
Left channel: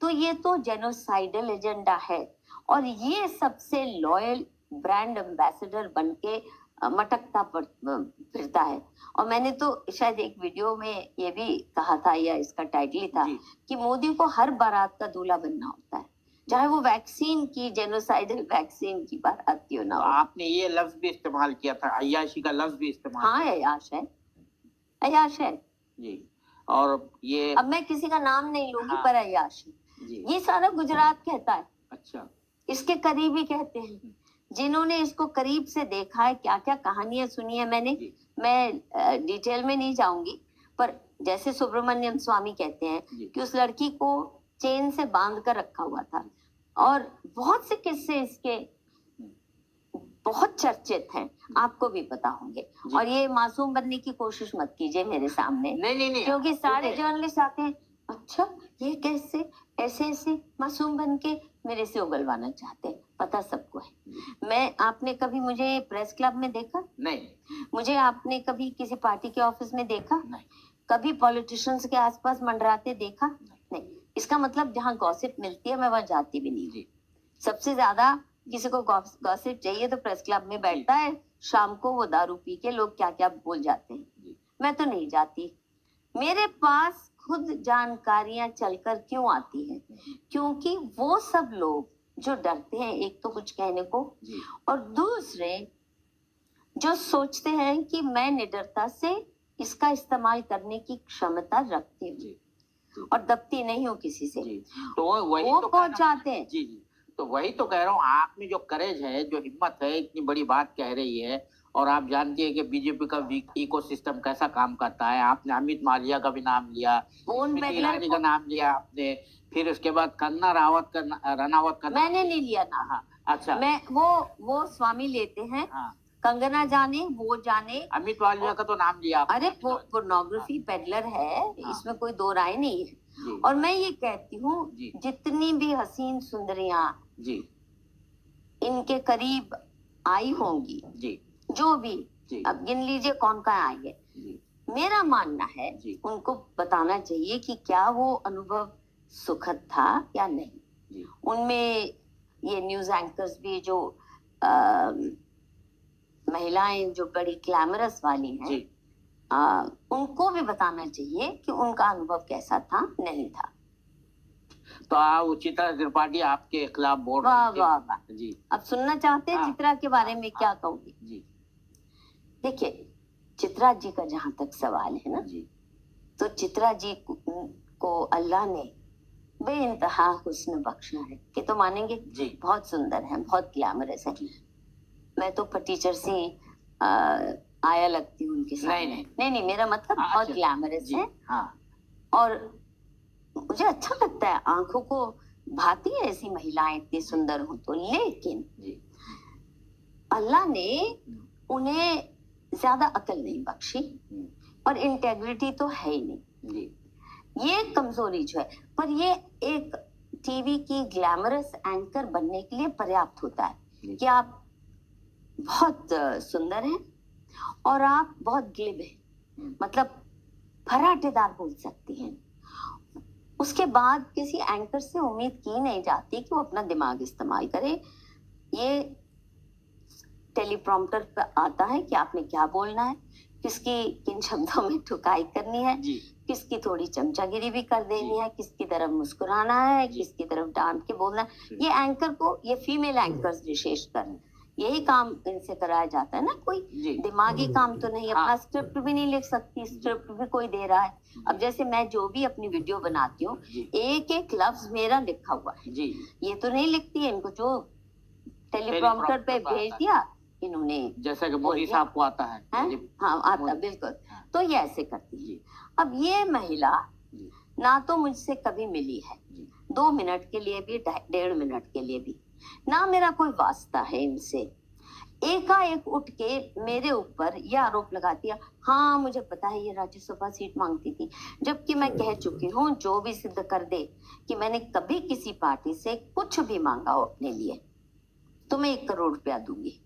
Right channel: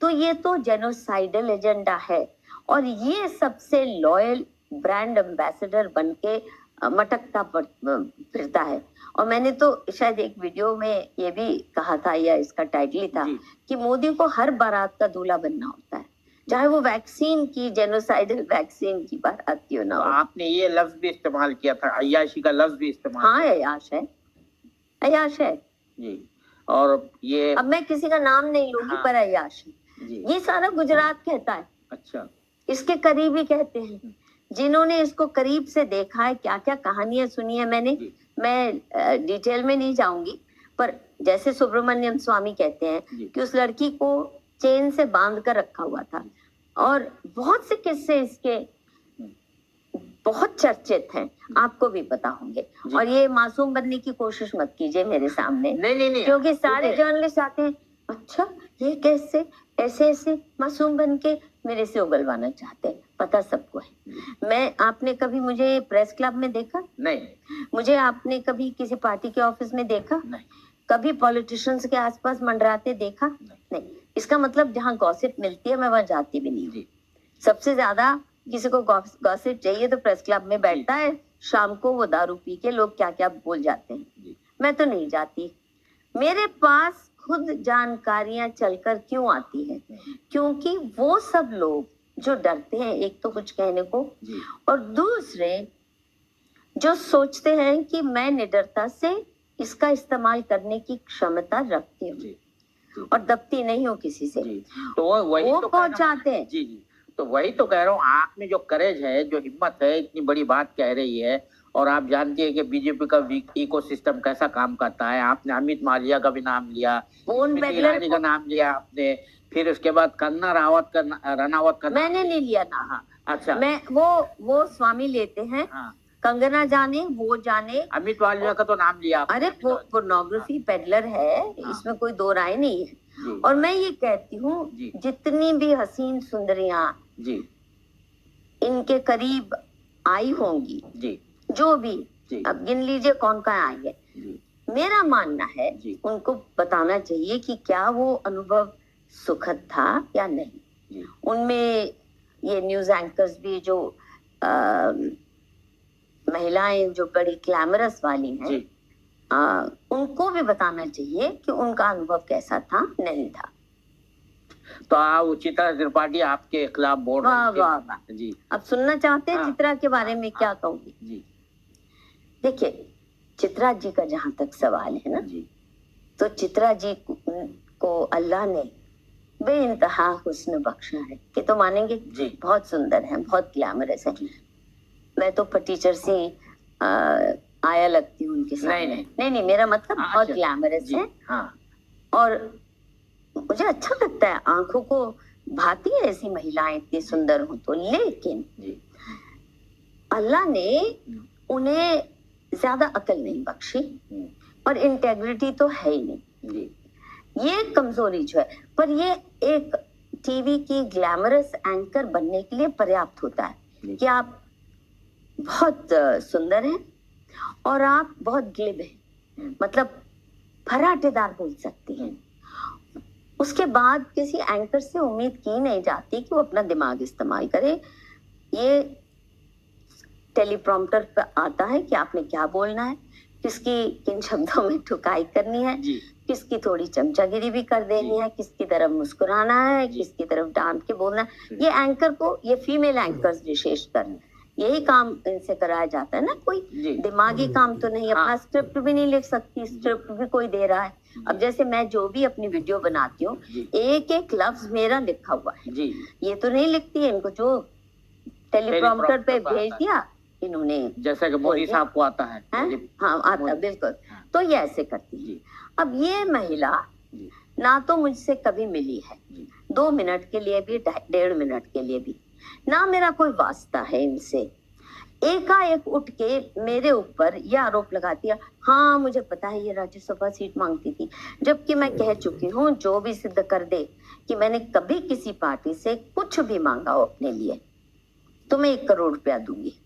तो ये तो जेनोसाइडल एजेंडा है, और ये सबसे लॉयल ब्रांड एम्बेसडर बनके मटकता फिरता है। और मैंने तो शायद एक वीडियो में ये भी कहा था, या इसका टाइटल ही था, कि मोदी को हर बारात का दूल्हा बनना होता है, चाहे वो वैक्सीन की, जेनोसाइडल वैक्सीन की बारात क्यों ना हो। आपने ये लफ्ज भी इस्तेमाल किया था, अय्याशी का लफ्ज भी इस्तेमाल। हाँ, अय्याश है, अय्याश है जी। और ये अब मैं किसी का नाम नहीं लूंगी, हाँ, पर अय्याश जी। ये सारा गुजरात कहता है। अच्छा। इसके करीबी कहते हैं, जिन्होंने इसको करीब से देखा है, क्या क्या कहानियां सुनी है मैंने, मैं डिटेल में नहीं जाऊंगी, पर जैसे सुब्रमण्यम स्वामी कहते हैं कि उस लड़की को चेन से बांध कर रखा हुआ था, और बहुत से किस्से इसके बहुत चर्चित हैं, आपको भी पता होंगे। और ये मासूम बनने की कोशिश मत कीजिए मेरे सामने, नहीं, क्योंकि सारे जर्नलिस्ट आते हैं, अच्छा ये कैसे ऐसे ऐसे मासूम बन के मेरे से उगलवाना चाहते हैं, पता सबको है। मैं, आपने कभी मुझे प्रेस क्लब में देखा? नहीं। मुझे आपने कभी किसी पार्टी के ऑफिस में देखा? नहीं। कभी पॉलिटिशियंस के आसपास मंडराते देखा? नहीं। इसका मतलब जहाँ गॉसिप मिलती है मैं वहां जाती भी नहीं हूँ। सबसे ज्यादा किसी को गॉसिप चाहिए तो प्रेस क्लब में बैठता है, शाम को वो दारू पी के लोग क्या क्या बोल जाते हैं। मैं तो नहीं जाती। मेरे पास खुद जानकारियां चलकर क्यों आती है? क्योंकि वो सब लोग जो डरते हैं एक तो कुछ कहने को, और दूसरे जो सोचते हैं कि मैं निडरता से इसका इस्तेमाल करने की क्षमता रखती हूँ जी जी और दबती नहीं हूँ किसी से। जी। तो वही वो तो कह रहा हूँ। पहुंचाते हैं। जी जी। तो वही तो कह रहा हूँ, आप में जो करेज है, जो हिम्मत है, इतनी बड़ी बात कह रही है, और आप जानती है कि बीजेपी का इकोसिस्टम कैसा काम करता है। आपने अमित मालविया का भी नाम लिया, पूर्ण स्मृति बेगलर ईरानी का नाम लिया आपने, फिर उसके बाद कंगना रनावत का मैंने नहीं लिया ना। हाँ, अच्छा। मैं वो स्वामी लेते हैं। हाँ, कंगना जाने, वो जाने। अमित मालविया का तो नाम लिया आपने। अरे पोर्नोग्राफी पेडलर है, हाँ। इसमें कोई दो राय नहीं है। जी और मैं ये कहती हूँ, जी जितनी भी हसीन सुंदरियां जी इनके करीब आई होंगी, जी जो भी, जी अब गिन लीजिए कौन कौन आई है। जी मेरा मानना है जी उनको बताना चाहिए कि क्या वो अनुभव सुखद था या नहीं। जी उनमें ये न्यूज एंकर्स भी जो महिलाएं जो बड़ी ग्लैमरस वाली हैं, जी। उनको भी बताना चाहिए कि उनका अनुभव कैसा था, नहीं था। तो चित्रा त्रिपाठी आपके खिलाफ बोल वाह रही थी। वाह वाह। जी अब सुनना चाहते हैं हाँ, चित्रा के बारे में हाँ, क्या कहूंगी? जी देखिए, चित्रा जी का जहां तक सवाल है ना, जी तो चित्रा जी को अल्लाह ने बेइंतहा हुस्न बख्शा है कि तो मानेंगे, जी बहुत सुंदर है, बहुत ग्लैमरस है। जी। मैं तो फटीचर से आ, आया लगती हूँ उनके सामने। नहीं नहीं नहीं, मेरा मतलब हाँ, बहुत अच्छा, ग्लैमरस जी है। हाँ और मुझे अच्छा लगता है, आंखों को भाती है ऐसी महिलाएं इतनी सुंदर हो तो। लेकिन जी अल्लाह ने उन्हें ज्यादा अकल नहीं बख्शी और इंटेग्रिटी तो है ही नहीं। जी ये कमजोरी जो है, पर ये एक टीवी की ग्लैमरस एंकर बनने के लिए पर्याप्त होता है कि आप बहुत सुंदर हैं और आप बहुत ग्लिब हैं, मतलब फराटेदार बोल सकती हैं। उसके बाद किसी एंकर से उम्मीद की नहीं जाती कि वो अपना दिमाग इस्तेमाल करे। ये टेलीप्रॉम्प्टर पे आता है कि आपने क्या बोलना है, किसकी किन शब्दों में ठुकाई करनी है, जी किसकी थोड़ी चमचागिरी भी कर देनी है, किसकी तरफ मुस्कुराना है, जी। किसकी तरफ डांट के बोलना है। ये एंकर को, ये फीमेल एंकर्स विशेषकर, यही काम इनसे कराया जाता है ना। कोई जी दिमागी काम तो नहीं, हाँ। अपना स्क्रिप्ट भी नहीं लिख सकती, स्क्रिप्ट भी कोई दे रहा है। अब जैसे मैं जो भी अपनी वीडियो बनाती हूँ, जी एक एक लफ्ज मेरा लिखा हुआ है। जी ये तो नहीं लिखती है, इनको जो टेलीप्रॉम्प्टर पे भेज दिया इन्होंने, जैसे कि मोदी साहब को आता है। हाँ आता, बिल्कुल। तो ये ऐसे करती है। अब ये महिला जी ना तो मुझसे कभी मिली है, जी 2 मिनट के लिए भी, 1.5 मिनट के लिए भी, ना मेरा कोई वास्ता है इनसे। एकाएक उठ के मेरे ऊपर यह आरोप लगा दिया, हाँ मुझे पता है ये राज्यसभा सीट मांगती थी, जबकि मैं कह चुकी हूँ जो भी सिद्ध कर दे कि मैंने कभी किसी पार्टी से कुछ भी मांगा हो अपने लिए तो मैं 1 करोड़ रुपया दूंगी।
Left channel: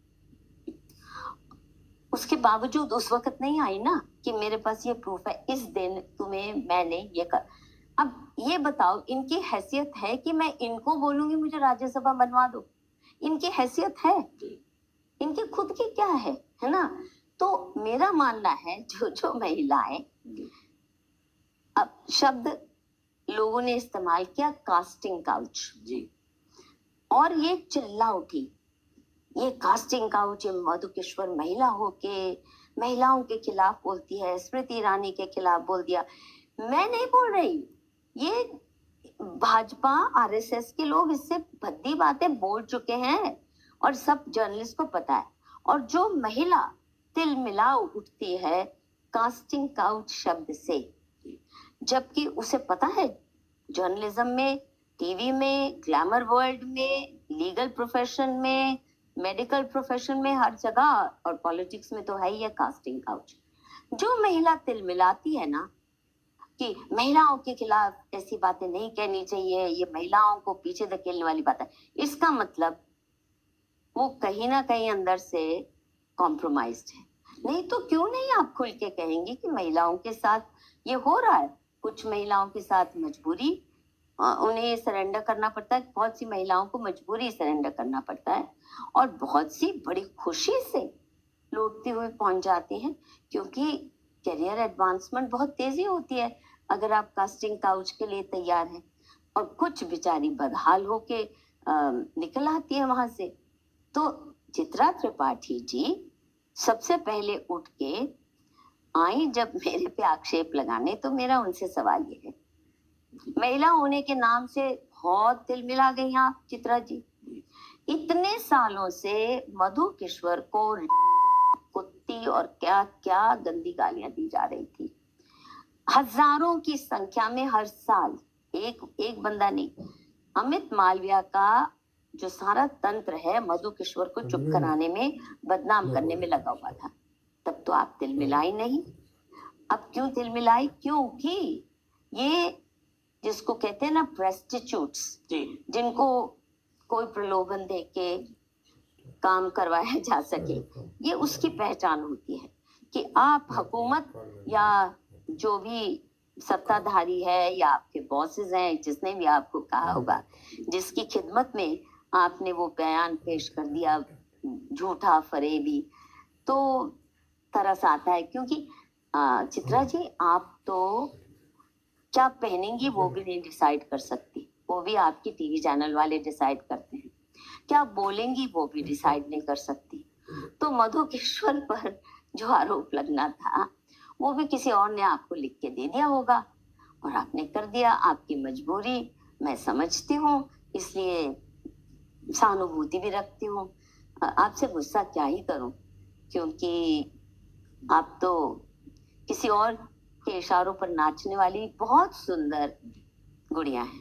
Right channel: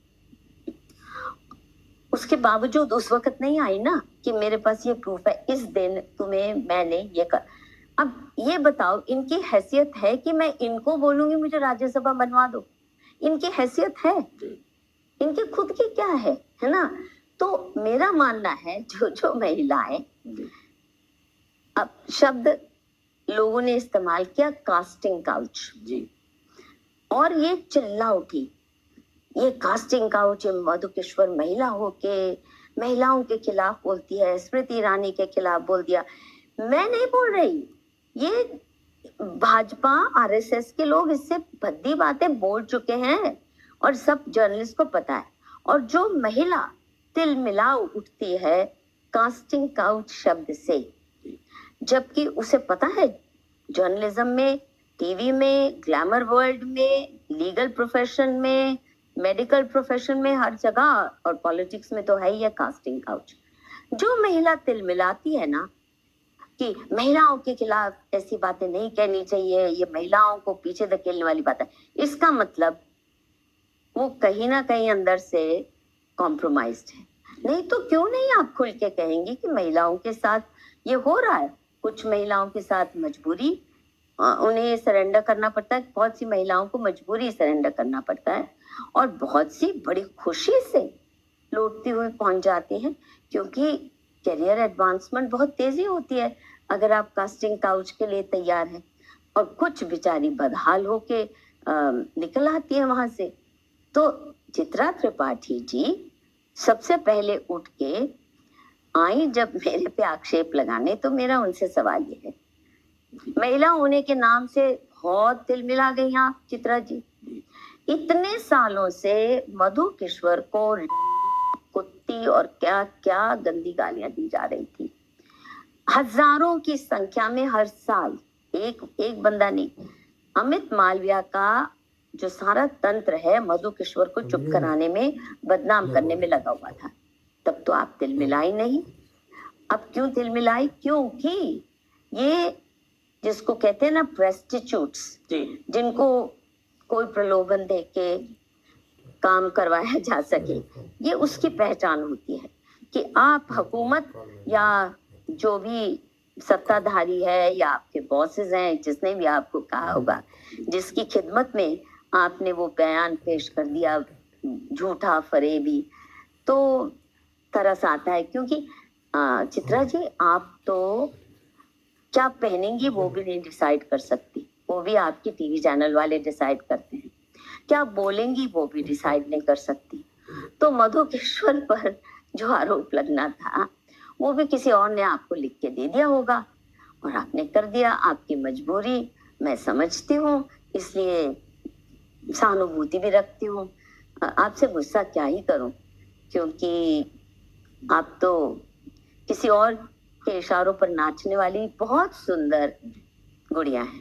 उसके बावजूद उस वक्त नहीं आई ना कि मेरे पास ये प्रूफ है, इस दिन तुम्हें मैंने ये कर। अब ये बताओ, इनकी हैसियत है कि मैं इनको बोलूंगी मुझे राज्यसभा बनवा दो? इनकी हैसियत है? इनकी खुद की क्या है ना? तो मेरा मानना है जो महिलाएं, अब शब्द लोगों ने इस्तेमाल किया कास्टिंग काउच, जी और ये चिल्ला उठी, ये कास्टिंग काउच, मधुकेश्वर महिला होके महिलाओं के खिलाफ बोलती है, स्मृति ईरानी के खिलाफ बोल दिया। मैं नहीं बोल रही, ये भाजपा आरएसएस के लोग इससे भद्दी बातें बोल चुके हैं और सब जर्नलिस्ट को पता है। और जो महिला तिल मिला उठती है कास्टिंग काउच शब्द से, जबकि उसे पता है जर्नलिज्म में, टीवी में, ग्लैमर वर्ल्ड में, लीगल प्रोफेशन में, मेडिकल प्रोफेशन में, हर जगह, और पॉलिटिक्स में तो है ही है कास्टिंग काउच। जो महिला तिल मिलाती है ना कि महिलाओं के खिलाफ ऐसी बातें नहीं कहनी चाहिए, ये महिलाओं को पीछे धकेलने वाली बात है, इसका मतलब वो कहीं ना कहीं अंदर से कॉम्प्रोमाइज्ड है। नहीं तो क्यों नहीं आप खुल के कहेंगे कि महिलाओं के साथ ये हो रहा है। कुछ महिलाओं के साथ मजबूरी, उन्हें सरेंडर करना पड़ता है, बहुत सी महिलाओं को मजबूरी सरेंडर करना पड़ता है, और बहुत सी बड़ी खुशी से लौटती हुई पहुंच जाती हैं, क्योंकि करियर एडवांसमेंट बहुत तेजी होती है अगर आप कास्टिंग काउच के लिए तैयार हैं। और कुछ बेचारी बदहाल होके निकल आती है वहां से। तो चित्रा त्रिपाठी जी सबसे पहले उठ के आई जब मेरे पे आक्षेप लगाने, तो मेरा उनसे सवाल ये है, महिला होने के नाम से बहुत दिल मिला गई आप चित्रा जी। इतने सालों से मधु किश्वर को कुत्ती और क्या क्या गंदी गालियां दी जा रही थी, हजारों की संख्या में हर साल, एक एक बंदा नहीं। अमित मालविया का जो सारा तंत्र है मधु किश्वर को चुप कराने में, बदनाम करने में लगा हुआ था। तब तो आप दिल मिलाई नहीं। अब क्यों दिल मिलाई? क्योंकि ये जिसको कहते हैं ना प्रेस्टिट्यूट्स, जिनको कोई प्रलोभन दे के काम करवाया जा सके, ये उसकी पहचान होती है कि आप हुकूमत या जो भी सत्ताधारी है या आपके बॉसेस हैं, जिसने भी आपको कहा होगा, जिसकी खिदमत में आपने वो बयान पेश कर दिया झूठा फरेबी, तो तरस आता है। क्योंकि चित्रा जी, आप तो क्या पहनेंगी वो भी नहीं डिसाइड कर सकती, वो भी आपके टीवी चैनल वाले डिसाइड करते हैं। क्या बोलेंगी वो भी डिसाइड नहीं कर सकती। तो मधु किश्वर पर जो आरोप लगना था वो भी किसी और ने आपको लिख के दे दिया होगा और आपने कर दिया। आपकी मजबूरी मैं समझती हूँ, इसलिए सहानुभूति भी रखती हूँ। आपसे गुस्सा क्या ही करूं, क्योंकि आप तो किसी और के इशारों पर नाचने वाली बहुत सुंदर गुड़िया है।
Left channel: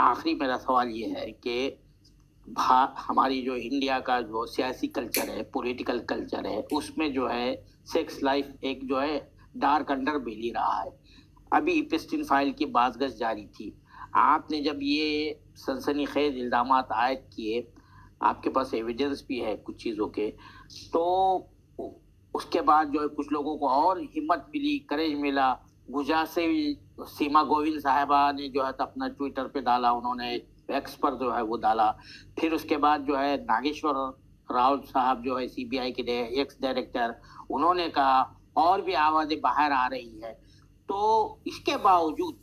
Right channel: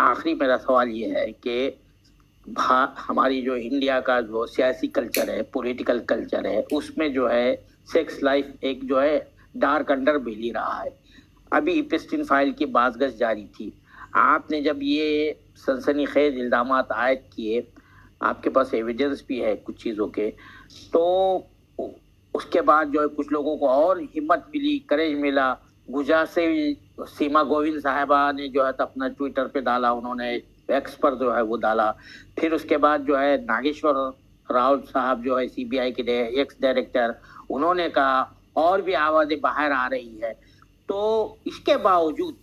आखिरी मेरा सवाल ये है कि हमारी जो इंडिया का जो सियासी कल्चर है, पॉलिटिकल कल्चर है, उसमें जो है सेक्स लाइफ एक जो है डार्क अंडर बेली रहा है। अभी इप्स्टीन फाइल की बाज़गश जारी थी। आपने जब ये सनसनीखेज इल्जामात आयद किए, आपके पास एविडेंस भी है कुछ चीज़ों के, तो उसके बाद जो है कुछ लोगों को और हिम्मत मिली, करेज मिला। गुजरात से सीमा गोविंद साहिबा ने जो है अपना ट्विटर पे डाला, उन्होंने एक्स पर जो है वो डाला। फिर उसके बाद जो है नागेश्वर राव साहब जो है सीबीआई के एक्स डायरेक्टर, उन्होंने कहा, और भी आवाज़ें बाहर आ रही है। तो इसके बावजूद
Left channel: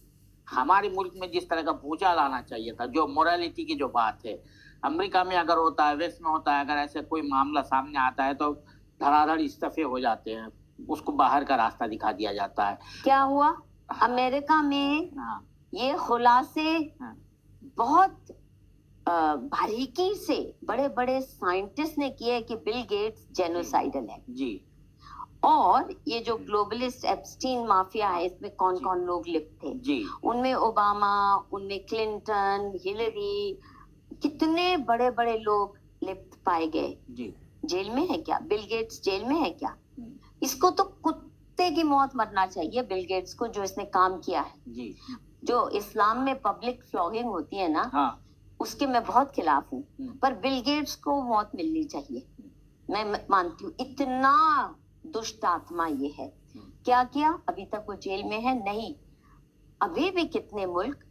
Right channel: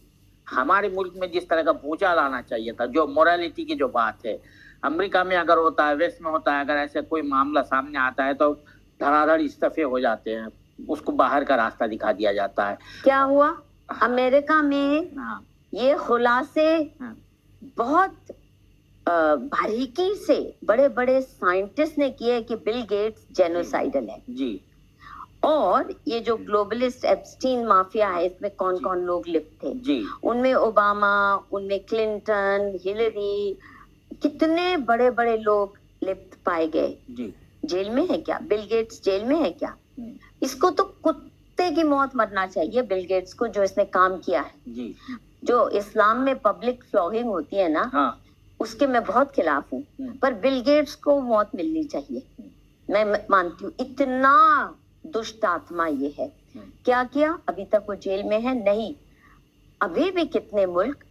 हमारे मुल्क में जिस तरह का भूचाल आना चाहिए था, जो मोरालिटी की जो बात है, अमेरिका में अगर होता है, वेस्ट में होता है, अगर ऐसे कोई मामला सामने आता है तो धड़ाधड़ इस्तीफे हो जाते हैं, उसको बाहर का रास्ता दिखा दिया जाता है। क्या हुआ अमेरिका में? ये खुलासे बहुत बारीकी से बड़े बड़े साइंटिस्ट ने किए कि बिल गेट्स जेनोसाइडल है जी। और ये जो ग्लोबलिस्ट एप्स्टीन माफिया है, इसमें कौन कौन लोग लिप्त थे जी। उनमें ओबामा, उनमें क्लिंटन, हिलरी, कितने बड़े बड़े लोग लिप्त पाए गए। जी। जेल में है क्या बिल गेट्स? जेल में है क्या? इसको तो कुत्ते की मौत मरना चाहिए बिल गेट्स को, जो इसने काम किया है जी। जो इस्लाम में पब्लिक फ्लॉगिंग होती है ना, हाँ। उसके मैं बहुत खिलाफ हूँ, पर बिल गेट्स को मौत मिलनी चाहिए। मैं मानती हूँ इतना दुष्ट आत्मा ये है। क्या किया? अभी तक वो जेल में है नहीं। अभी भी कितने मुल्क,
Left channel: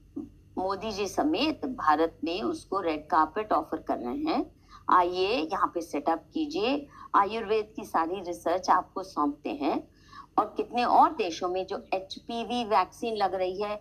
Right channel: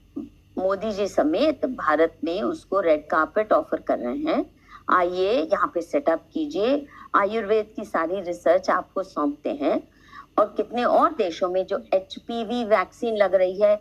मोदी जी समेत भारत में, उसको रेड कार्पेट ऑफर कर रहे हैं, आइए यहाँ पे सेटअप कीजिए, आयुर्वेद की सारी रिसर्च आपको सौंपते हैं। और कितने और देशों में जो HPV वैक्सीन लग रही है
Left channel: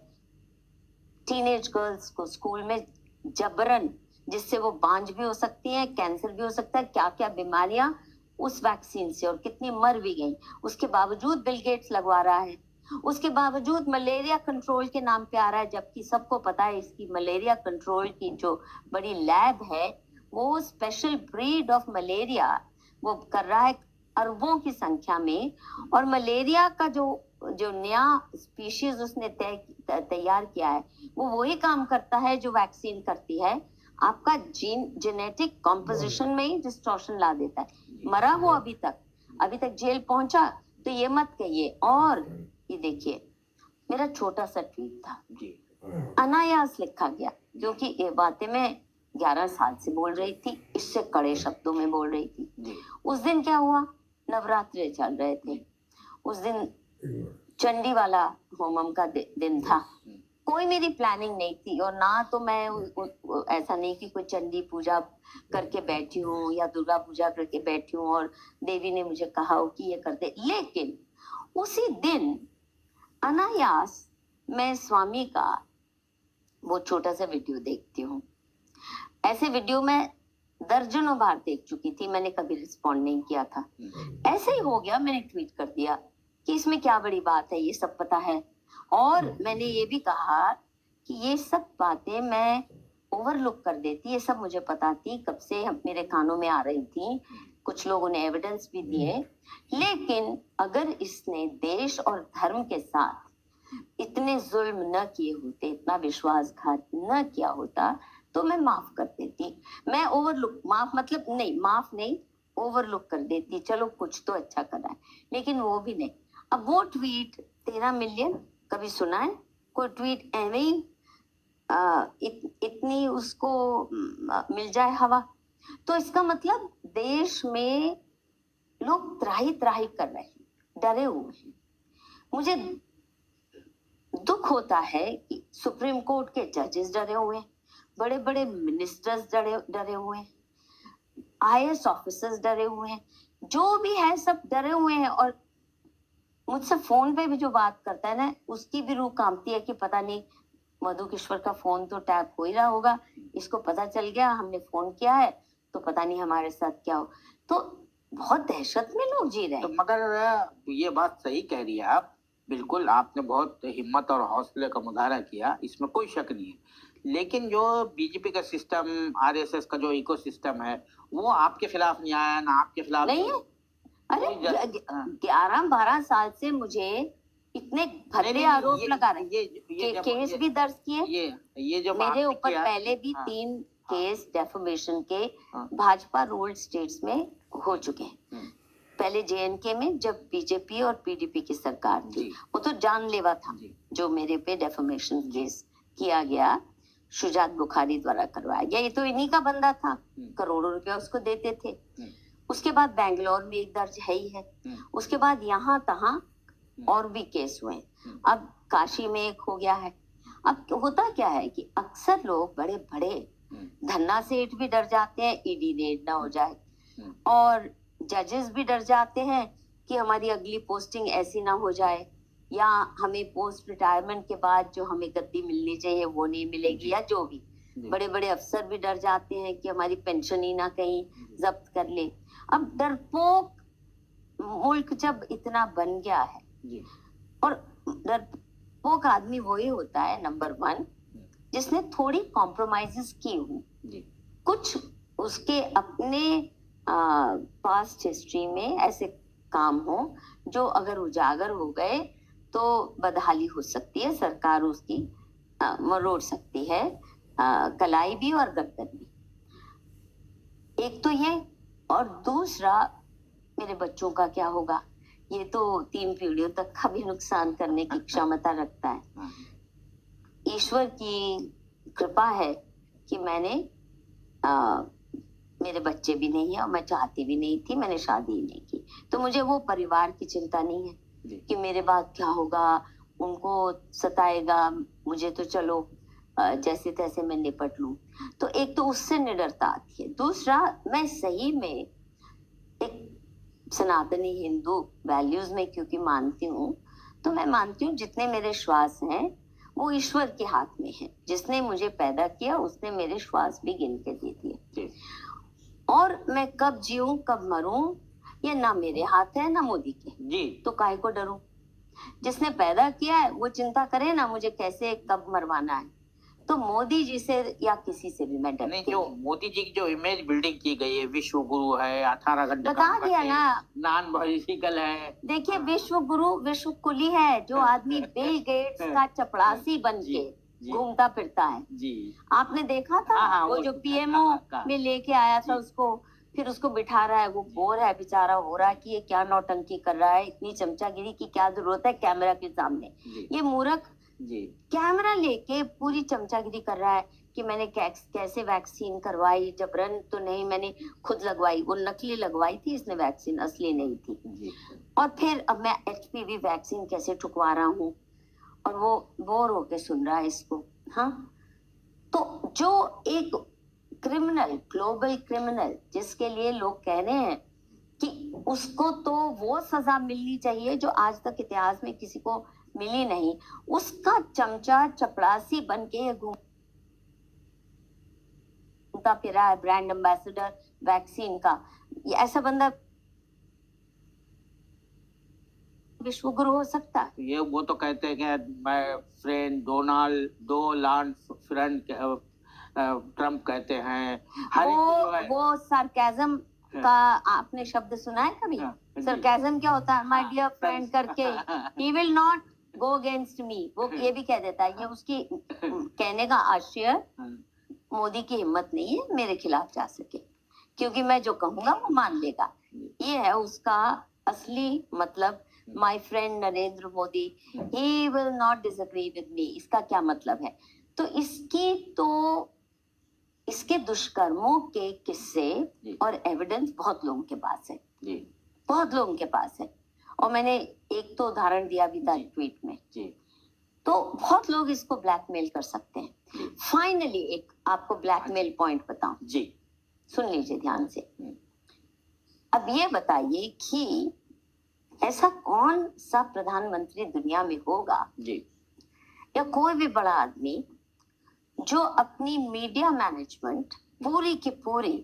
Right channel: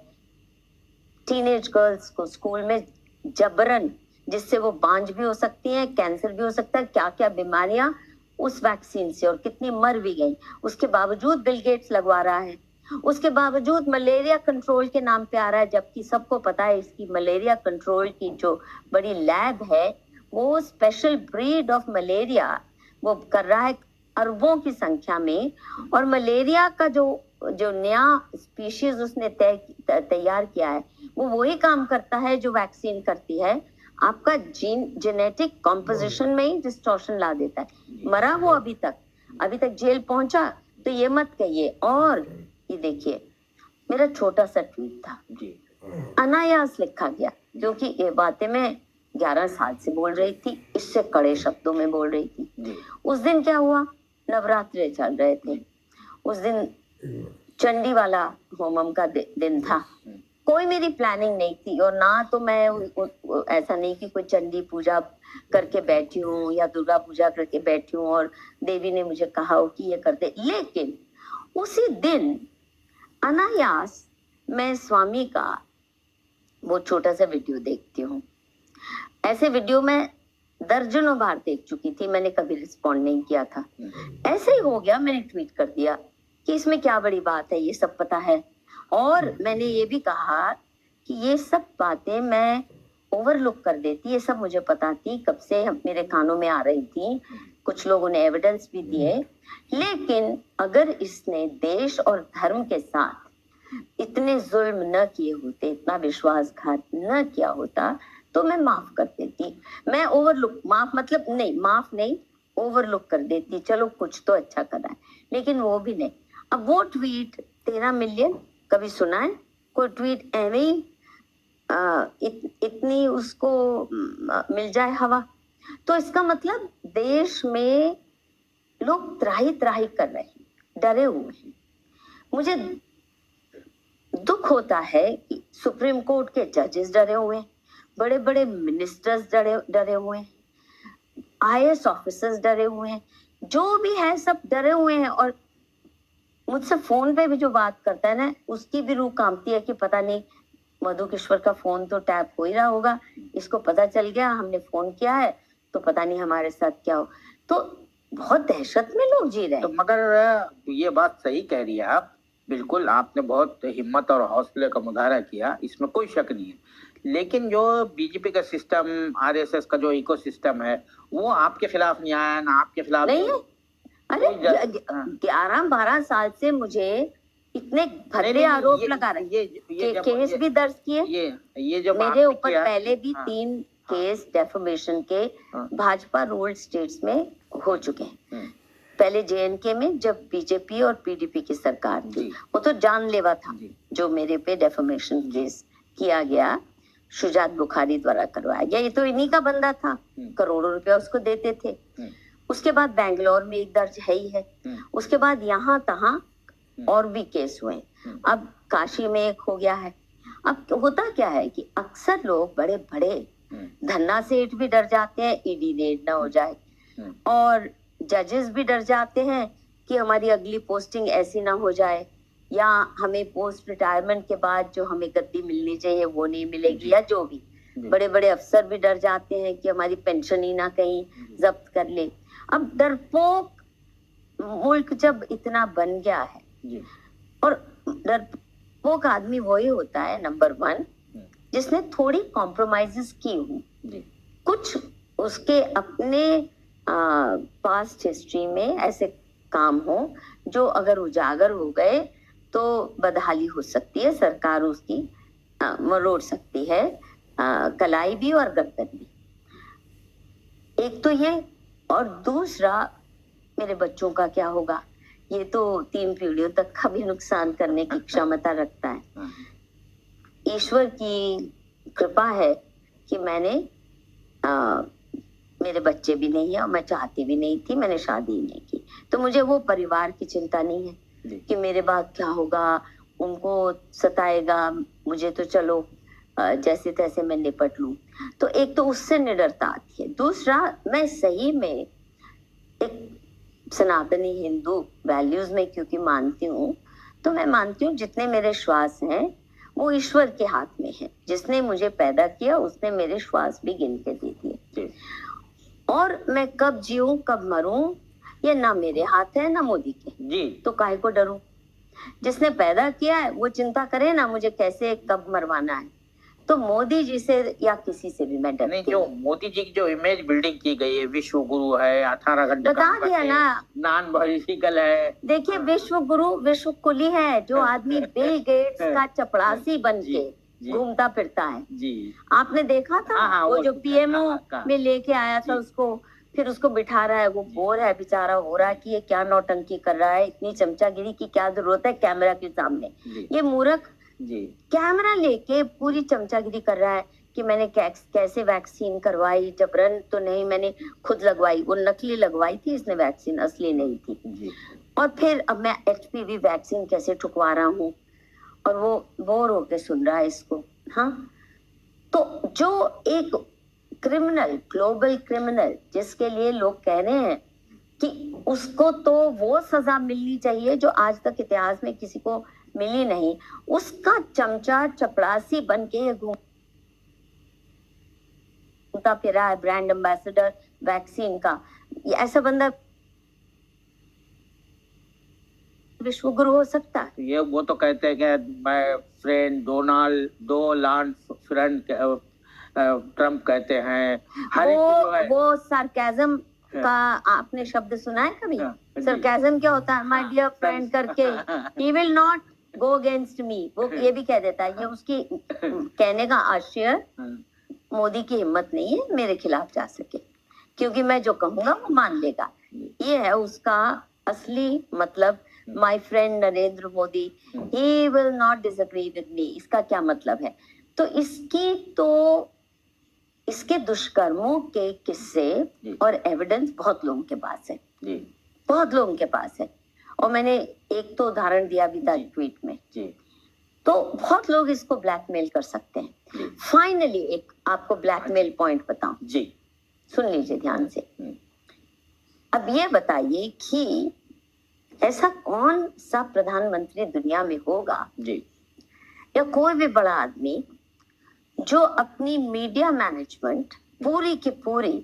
टीनेज गर्ल्स को स्कूल में जबरन, जिससे वो बांझ भी हो सकती हैं, कैंसर भी हो सकता है, क्या क्या बीमारियां उस वैक्सीन से, और कितनी मर भी गई। उसके बावजूद बिल गेट्स लगवा रहा है। उसके बावजूद मलेरिया कंट्रोल के नाम पे आ रहा है, जबकि सबको पता है इसकी मलेरिया कंट्रोल की जो बड़ी लैब है, वो स्पेशल ब्रीड ऑफ मलेरिया वो कर रहा है अरबों की संख्या में। और मलेरिया का जो नया स्पीशीज उसने तैयार किया है, वो वही काम करता है जो वैक्सीन करती है। आपका जेनेटिक कॉम्पोजिशन में ही डिस्टॉर्शन ला देता है। मरा वो अभी तक जेल पहुंचा, तो ये मत कहिए। और ये देखिए, मेरा छोटा सा ट्वीट था जी। अनायास लिखा गया, क्योंकि ये बातें मैं 11 साल से बोल रही थी, इससे कड़े शब्दों में बोल रही थी। उस दिन क्या हुआ? नवरात्रे चल रहे थे, उस दिन चंडी वाला होमम का दिन था। कोई मेरी प्लानिंग नहीं थी, और ना तो मैं ऐसा नहीं कि कोई चंडी पूजा करके बैठी हूँ या दुर्गा पूजा करके बैठी हूँ और देवी ने मुझे कहा हो कि ये कर दे। लेकिन उसी दिन अनायास मैं स्वामी का वो छोटा सा वीडियो देखती हूँ। ऐसे वीडियो मैं दर्जनों बार देख चुकी थी, मैंने कभी रिस्पॉन्ड नहीं किया था। ऐसे ही हो गया, मैंने ट्वीट कर दिया कि इसमें क्या बड़ी बात है, ये सब पता है। और मैंने ये भी कहा कि ये सब बातें मैं ओवरलुक कर देती, ये सब मुझे पता थी, कब से मेरे कानों में आ रही थी, कुछ लोगों ने एविडेंस भी दिए। लेकिन अगर इसने देश और धर्म के साथ इतने जुल्म न किए होते, इतना विश्वासघात न किया होता, तो मैं माफ कर देती। मैं ओवरलुक, माफ मतलब नहीं, माफ नहीं, ओवरलुक कर देती, चलो कुछ तो अच्छा करा है, लेकिन वो भी नहीं। अब वो ट्वीट 13 मिलियन, कभी सुना है कोई ट्वीट एवे ही इतनी उसको मिल जाए हवा? तो इसका मतलब देश में लोग त्राही त्राही कर रहे हैं, डरे हुए हैं। मुझे दुख होता है कि सुप्रीम कोर्ट के जजेस डरे हुए हैं, बड़े बड़े मिनिस्टर्स डरे हुए हैं, आईएएस ऑफिसर्स डरे हुए हैं, जो भी है सब डरे हुए हैं। और मुझसे फोन पे भी जो बात करता है ना, उसकी भी रूह कांपती है कि पता नहीं मधु किश्वर का फोन तो टैप हो ही रहा होगा, इसको पता चल गया हमने फोन किया है, तो पता नहीं हमारे साथ क्या हो। तो बहुत दहशत में लोग जी रहे तो हैं। मगर ये बात सही कह रही है आप, बिल्कुल आपने बहुत हिम्मत और हौसले का मुजाहरा किया, इसमें कोई शक नहीं है। लेकिन जो बीजेपी का सिस्टम, आरएसएस का जो इको सिस्टम है, वो आपके खिलाफ नहीं आया, ना आपके खिलाफ नहीं है। अरे हाँ। 11-12 साल से मुझे इतने भद्दे नहीं, आरोप ये लगा रहे हैं। ये जब केस भी दर्ज किए, ये जब मेरे आपने ऊपर किया, पहले भी हाँ, 3 हाँ, केस डेफेमेशन के हाँ, भाजपा रूल्ड स्टेट्स में हो चुके हैं। हम्म, पहले जेएनके में जब बीजेपी और पीडीपी की सरकार थी, जी, वो तो जानलेवा था, जी, जो मेरे पे डेफेमेशन केस किया गया, शुजात बुखारी द्वारा करवाया गया। ये तो इन्हीं का बंदा था, करोड़ों रुपया उसको देते थे। उसके बाद बैंगलोर में एक दर्ज है ही है, उसके बाद यहाँ तहाँ और भी केस हुए। अब काशी में एक हो गया है। अब होता क्या है कि अक्सर लोग बड़े बड़े धन्ना सेठ भी डर जाते हैं ईडी रेड ना हो जाए, और जजेस भी डर जाते हैं कि हमारी अगली पोस्टिंग ऐसी ना हो जाए, या हमें पोस्ट रिटायरमेंट के बाद जो हमें गद्दी मिलनी चाहिए वो नहीं मिलेगी, या जो भी। बड़े बड़े अफसर भी डर जाते हैं कि हमारी पेंशन ही ना कहीं जब्त कर ले। अब डरपोक मुल्क जब इतना बन गया है, और डरपोक आदमी वही होता है नंबर 1 जिसने थोड़ी कॉम्प्रोमाइजेस की हूँ, कुछ उसके अपने पास्ट हिस्ट्री में ऐसे काम हो जो अगर उजागर हो गए तो बदहाली हो सकती है, सरकार उसकी मरोड़ सकती है, कलाई भी और गर्दन भी। एक तो ये, और दूसरा मेरे बच्चों का क्या होगा, ये तो 3 पीढ़ियों तक का भी नुकसान करने की क्षमता रखता है। ईश्वर की कृपा है कि मैंने मेरे बच्चे भी नहीं है, और मैं चाहती भी नहीं थी, मैंने शादी ही नहीं की, तो मुझे वो परिवार की चिंता नहीं है कि मेरे बाद क्या होगा, उनको सताएगा, मुझे तो चलो जैसे तैसे मैं निपट लूं। तो एक तो उससे निडरता आती है, दूसरा मैं सही में एक सनातनी हिंदू वैल्यूज में क्योंकि मानती हूँ, तो मैं मानती हूँ जितने मेरे श्वास हैं वो ईश्वर के हाथ में है, जिसने मुझे पैदा किया उसने मेरे श्वास भी गिन के दे दिए, और मैं कब जीऊं कब मरूं ये ना मेरे हाथ है ना मोदी के जी, तो काहे को डरूं? जिसने पैदा किया है वो चिंता करे ना मुझे कैसे कब मरवाना है। तो मोदी जी से या किसी से भी मैं डरती नहीं। जो मोदी जी की जो इमेज बिल्डिंग की गई है, विश्व गुरु है, 18 घंटे बता दिया ना, नॉन पॉलिटिकल है। देखिए विश्व गुरु विश्व कुली है, जो आदमी बिल गेट्स का चपड़ासी बन के घूमता फिरता है जी। आपने देखा था? हाँ, वो जो पीएमओ में लेके आया था उसको, फिर उसको बिठा रहा है, वो बोर है बेचारा, हो रहा है कि ये क्या नौटंकी कर रहा है, इतनी चमचागिरी की क्या जरूरत है कैमरा के सामने। ये मूर्ख जी कैमरा लेके पूरी चमचागिरी कर रहा है कि मैंने कैसे वैक्सीन करवाई, जबरन तो नहीं, मैंने खुद लगवाई, वो नकली लगवाई थी इसने वैक्सीन, असली नहीं थी जी। और फिर अब मैं एचपीवी वैक्सीन कैसे ठुकवा रहा हूँ, और वो बोर होके सुन रहा है इसको। हाँ, तो जो एक क्रिमिनल, ग्लोबल क्रिमिनल, जिसके लिए लोग कह रहे हैं कि उसको तो वो सजा मिलनी चाहिए जो आज तक इतिहास में किसी को मिली नहीं, उसका चमचा चपड़ासी बन के घूमता फिरा है, ब्रांड एम्बेसडर वैक्सीन का। ये ऐसा बंदा विश्व गुरु हो सकता है? ये वो तो कहते हैं कि मैं फ्रेंड डोनाल्ड दो लॉन्ड फ्रेंड ट्रम्प कहते हैं। हर एक जो है वो सार्केज्म का आपने शब्द सुना है कभी? सार्केज्म क्या होता है? माय डियर फ्रेंड करके, he will not go against me, वो ये भी कह देता है। ये उसकी कहने का आशय मोदी की हिम्मत नहीं है मेरे खिलाफ जा सके, क्योंकि मैं जो कहूंगा वो मान लेगा। ये है उसका असली मतलब। My friend Narendra Modi, he will not disagree with me, इसका क्या मतलब है? तो इसके दुष्कर्मों के किस्से और एविडेंस बहुत लोगों के पास है, बहुत लोगों के पास है। और मैंने एक तो उदाहरण दिया भी था ट्वीट में। तो बहुत लोग इसको ब्लैकमेल कर सकते हैं। फाइनली एक आपको ब्लैकमेल पॉइंट बताऊं जी, सुन लीजिए ध्यान से। अब ये बताइए कि ऐसा कौन सा प्रधानमंत्री दुनिया में होगा जी, या कोई भी बड़ा आदमी जो अपनी मीडिया मैनेजमेंट पूरी की पूरी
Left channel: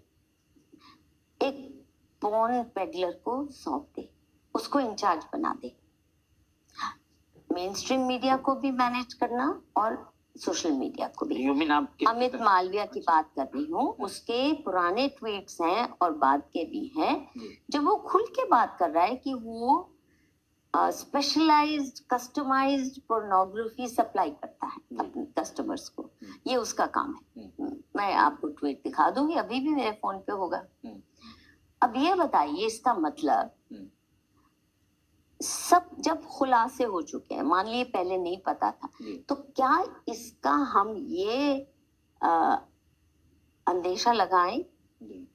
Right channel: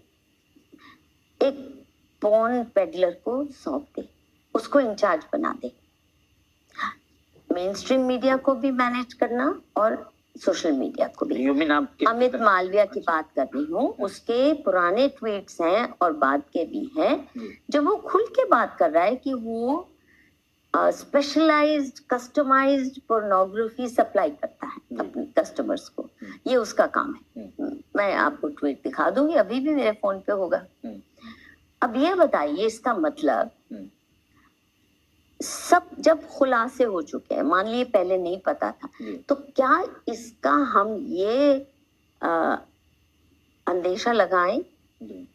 एक पॉर्न पेडलर को सौंप दे, उसको इंचार्ज बना दे। मेन स्ट्रीम मीडिया को भी मैनेज करना और सोशल मीडिया को भी। अमित मालविया की बात कर रही हूँ, उसके पुराने ट्वीट्स हैं और बाद के भी हैं, जब वो खुल के बात कर रहा है कि वो स्पेशलाइज्ड कस्टमाइज्ड पोर्नोग्राफी सप्लाई करता है अपने कस्टमर्स को। ये उसका काम है। मैं आपको ट्वीट दिखा दूंगी, अभी भी मेरे फोन पे होगा। अब ये बताइए, इसका मतलब सब जब खुलासे हो चुके हैं, मान लीजिए पहले नहीं पता था, तो क्या इसका हम ये अंदेशा लगाएं,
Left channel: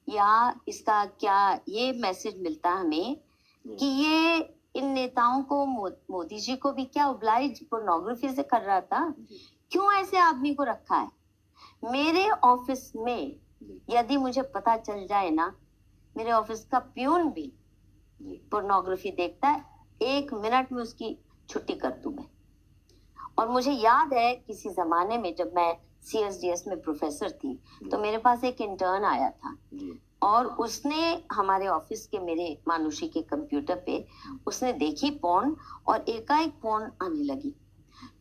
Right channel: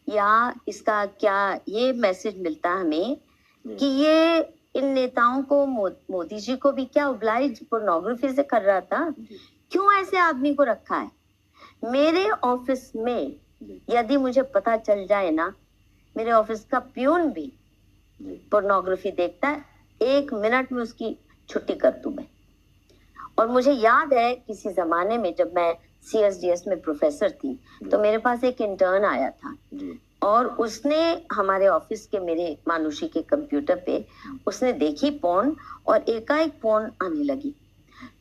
या इसका क्या ये मैसेज मिलता हमें कि ये इन नेताओं को, मोदी जी को भी क्या ओब्लाइज पोर्नोग्राफी से कर रहा था? क्यों ऐसे आदमी को रखा है? मेरे ऑफिस में यदि मुझे पता चल जाए ना, मेरे ऑफिस का प्यून भी पोर्नोग्राफी देखता है, 1 मिनट में उसकी छुट्टी कर दूं मैं। और मुझे याद है किसी जमाने में जब मैं CSDS में प्रोफेसर थी, तो मेरे पास एक इंटर्न आया था और उसने हमारे ऑफिस के मेरे मानुषी के कंप्यूटर पे उसने देखी पोर्न, और एकाएक पोर्न आने लगी।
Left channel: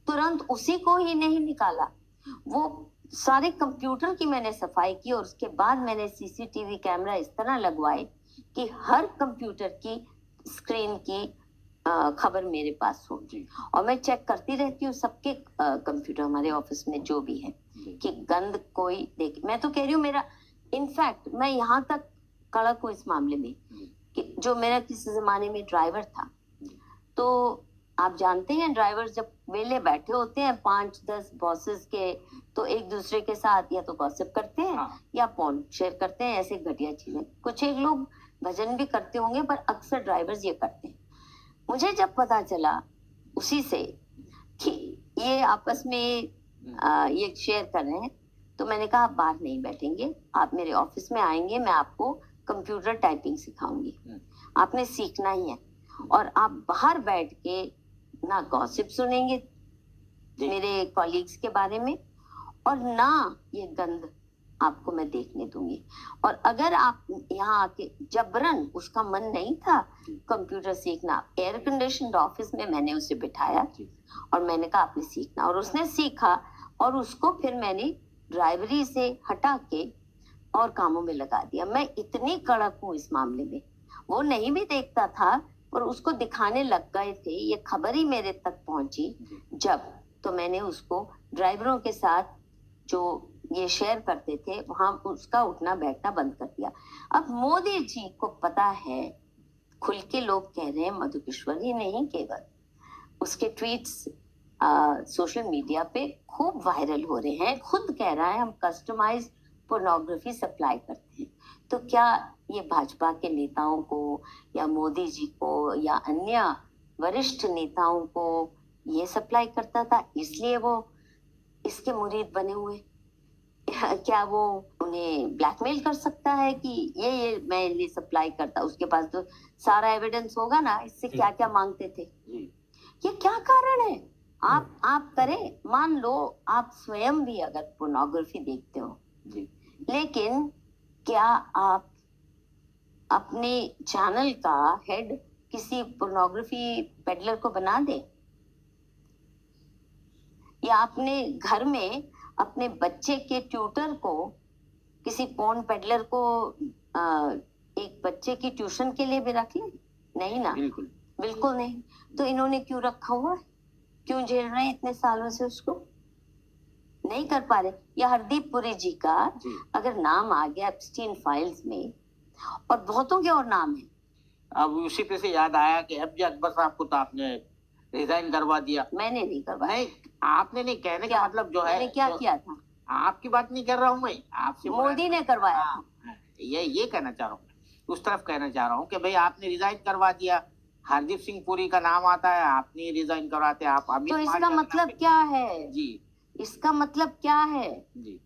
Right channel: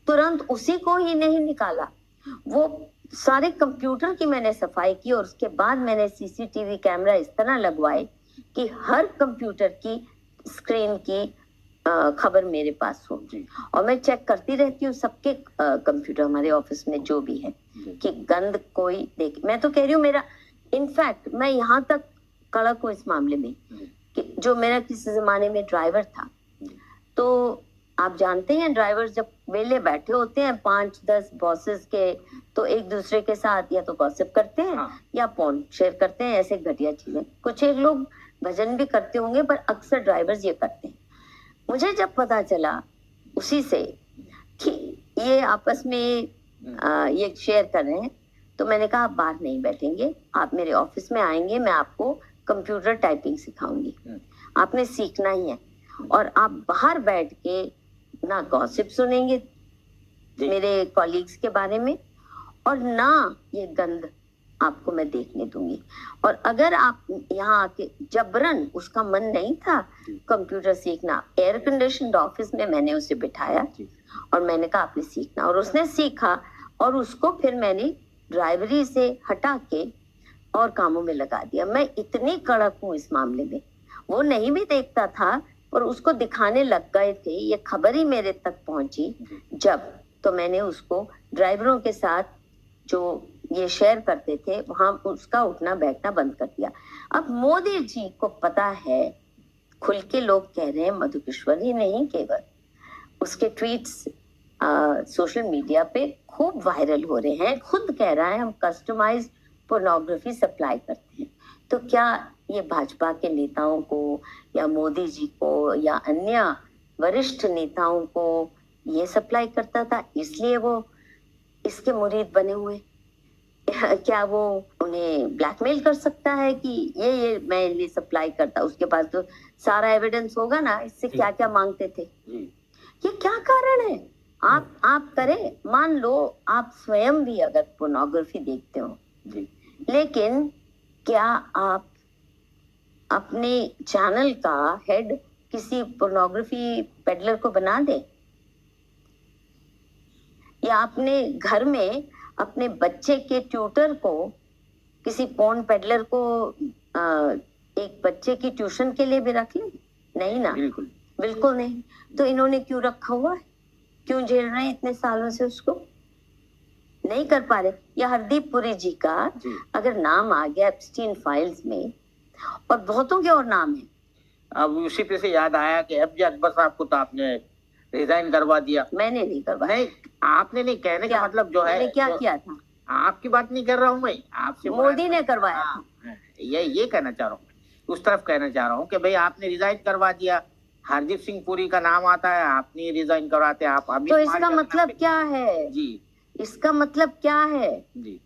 तुरंत उसी को ही नहीं निकाला, वो सारे कंप्यूटर की मैंने सफाई की, और उसके बाद मैंने CCTV कैमरा इस तरह लगवाए कि हर कंप्यूटर की स्क्रीन की खबर मेरे पास हो। और मैं चेक करती रहती हूँ सबके कंप्यूटर हमारे ऑफिस में जो भी है, कि गंद कोई देखे। मैं तो कह रही हूँ, मेरा इनफैक्ट मैं यहाँ तक कड़क हूँ इस मामले में कि जो मेरा किसी जमाने में ड्राइवर था, तो आप जानते हैं ड्राइवर्स जब वेले बैठे होते हैं 5-10 बॉसेस के, तो एक दूसरे के साथ या तो गॉसिप करते हैं या पोर्न शेयर करते हैं, ऐसे घटिया चीजें। कुछ एक लोग भजन भी करते होंगे, पर अक्सर ड्राइवर्स ये करते हैं। मुझे जब पता चला उसी से कि ये आपस में ये शेयर कर रहे हैं, तो मैंने कहा आप बाहर नहीं बैठेंगे, आप मेरे ऑफिस में आएंगे, मैं आपको कंप्यूटर टाइपिंग सिखाऊंगी, आपने सीखना ही है। और आप बाहर बैठ के ना गॉसिप सुनेंगे मेरे कॉलीग्स के बारे में, और ना ये गंद आपको मैं देखने दूंगी। और अगर आप यहाँ आके जबरन, उसका मन नहीं था कंप्यूटर सीखना, एयर कंडीशनड ऑफिस में मैंने उसे बिठाया और मैंने कहा आपने सीखना, और उसने सीखा, और उसको फिर मैंने ड्राइवरी से हटा के और कामों में लगा दिया। मैं इतनी कड़क हूँ इस मामले में। वो नहीं भी देखता था और उसको दिखाने लग गए थे, ये खबर ही मेरे तक पहुंची जब, तो मैंने उसको ड्राइवरों के साथ जो ये शेयर करते थे वहां उसका उठना बैठना बंद कर दिया। अब मोदी जी को पता है, खुल के लोग कह रहे हैं, मधुकेश्वर ही नहीं केवल, उसके ट्वीट्स सोशल मीडिया पे खूब वायरल हो रहे हैं, खुद कह रहा है हम कस्टमाइज्ड पोर्नोग्राफी सप्लाई करते हैं। तो क्या ये भाजपा के नेताओं को या मोदी जी को या अन्य वरिष्ठ नेताओं को ये सप्लाई करता था, इसलिए वो इसके मुरीद बने हुए? क्या वो उन्हें ब्लैकमेल कर सकता है कि ये मैं इन्हें सप्लाई करता? उसके पास तो सारा एविडेंस होगा ना, इससे क्या क्या मांगते थे। ये क्या कारण है? आप करें, मान लो आप स्वयं भी अगर पोर्नोग्राफी देखते हो, लेकिन क्या आप अपने चैनल का हेड किसी पोर्नोग्राफी पेडलर को बना दे, या अपने घर में अपने बच्चे के ट्यूटर को किसी पोर्न पेडलर को एक बच्चे की ट्यूशन के लिए भी रख ले? नहीं ना, बिल्कुल बिल्कुल नहीं। तो इन्होंने क्यों रखा हुआ है? क्यों झेल रहे हैं इतने सालों से उसको? नहीं कर पा रहे। या हरदीप पुरी जी का जी। अगर नाम आ गया एप्स्टीन फाइल्स में, और बहुतों के और नाम है। अब उसी पे से याद आया कि एफजे अकबर साहब को तो आपने रिजाइन करवा दिया। मैंने नहीं करवाया। नहीं, आपने नहीं, कहने का मतलब जो है, मैंने क्या किया था? आपकी बात नहीं कर रहा हूँ मैं, आपसे मोदी ने करवाया था। ये कहना चाह रहा हूँ, उस तरफ कहना चाह रहा हूँ कि भाई आपने रिजाइन करवा दिया, हरदीप सिंह पुरी का नाम आता है, आपने रिजाइन करवाते, आप अमित तो इसका मालविया का मतलब नाम क्या है? जी इसका मतलब क्या है? जी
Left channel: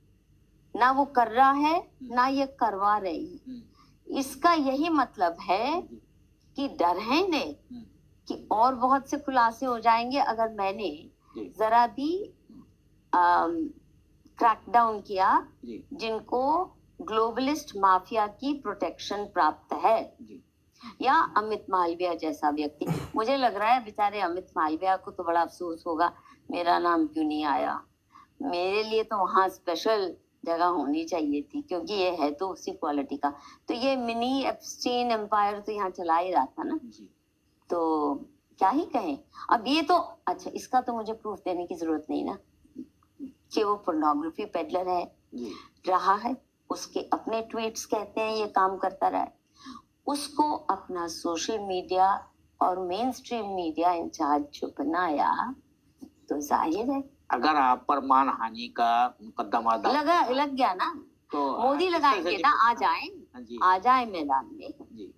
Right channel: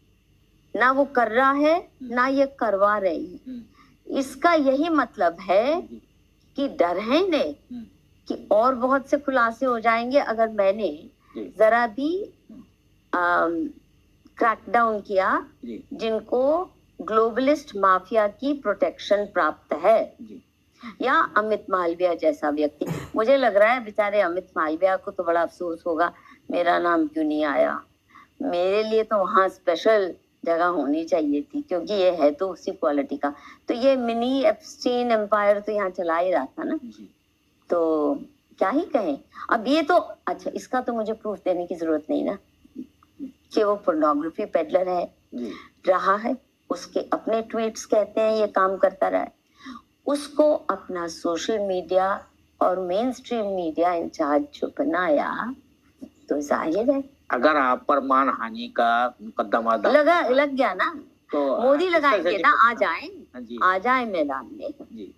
ना वो कर रहा है, ना ये करवा रही है। इसका यही मतलब है कि डर है इन्हें कि और बहुत से खुलासे हो जाएंगे अगर मैंने जरा भी क्रैकडाउन किया, जिनको ग्लोबलिस्ट माफिया की प्रोटेक्शन प्राप्त है, या अमित मालविया जैसा व्यक्ति। मुझे लग रहा है बेचारे अमित मालविया को तो बड़ा अफसोस होगा, मेरा नाम क्यों नहीं आया। मेरे लिए तो वहाँ स्पेशल जगह होनी चाहिए थी, क्योंकि ये है तो उसी क्वालिटी का। तो ये मिनी एप्स्टीन एम्पायर तो यहाँ चला ही रहा था ना, तो क्या ही कहें। अब ये तो अच्छा, इसका तो मुझे प्रूफ देने की जरूरत नहीं ना कि वो पोर्नोग्राफी पेडलर है, रहा है। उसके अपने ट्वीट्स कहते हैं ये काम करता रहा है। उसको अपना सोशल मीडिया और मेन स्ट्रीम मीडिया इंचार्ज जो बनाया, तो जाहिर है अगर आप पर मानहानि का मुकदमा लग गया ना, तो मोदी लगाएंगे ना। आ जाए मैदान में।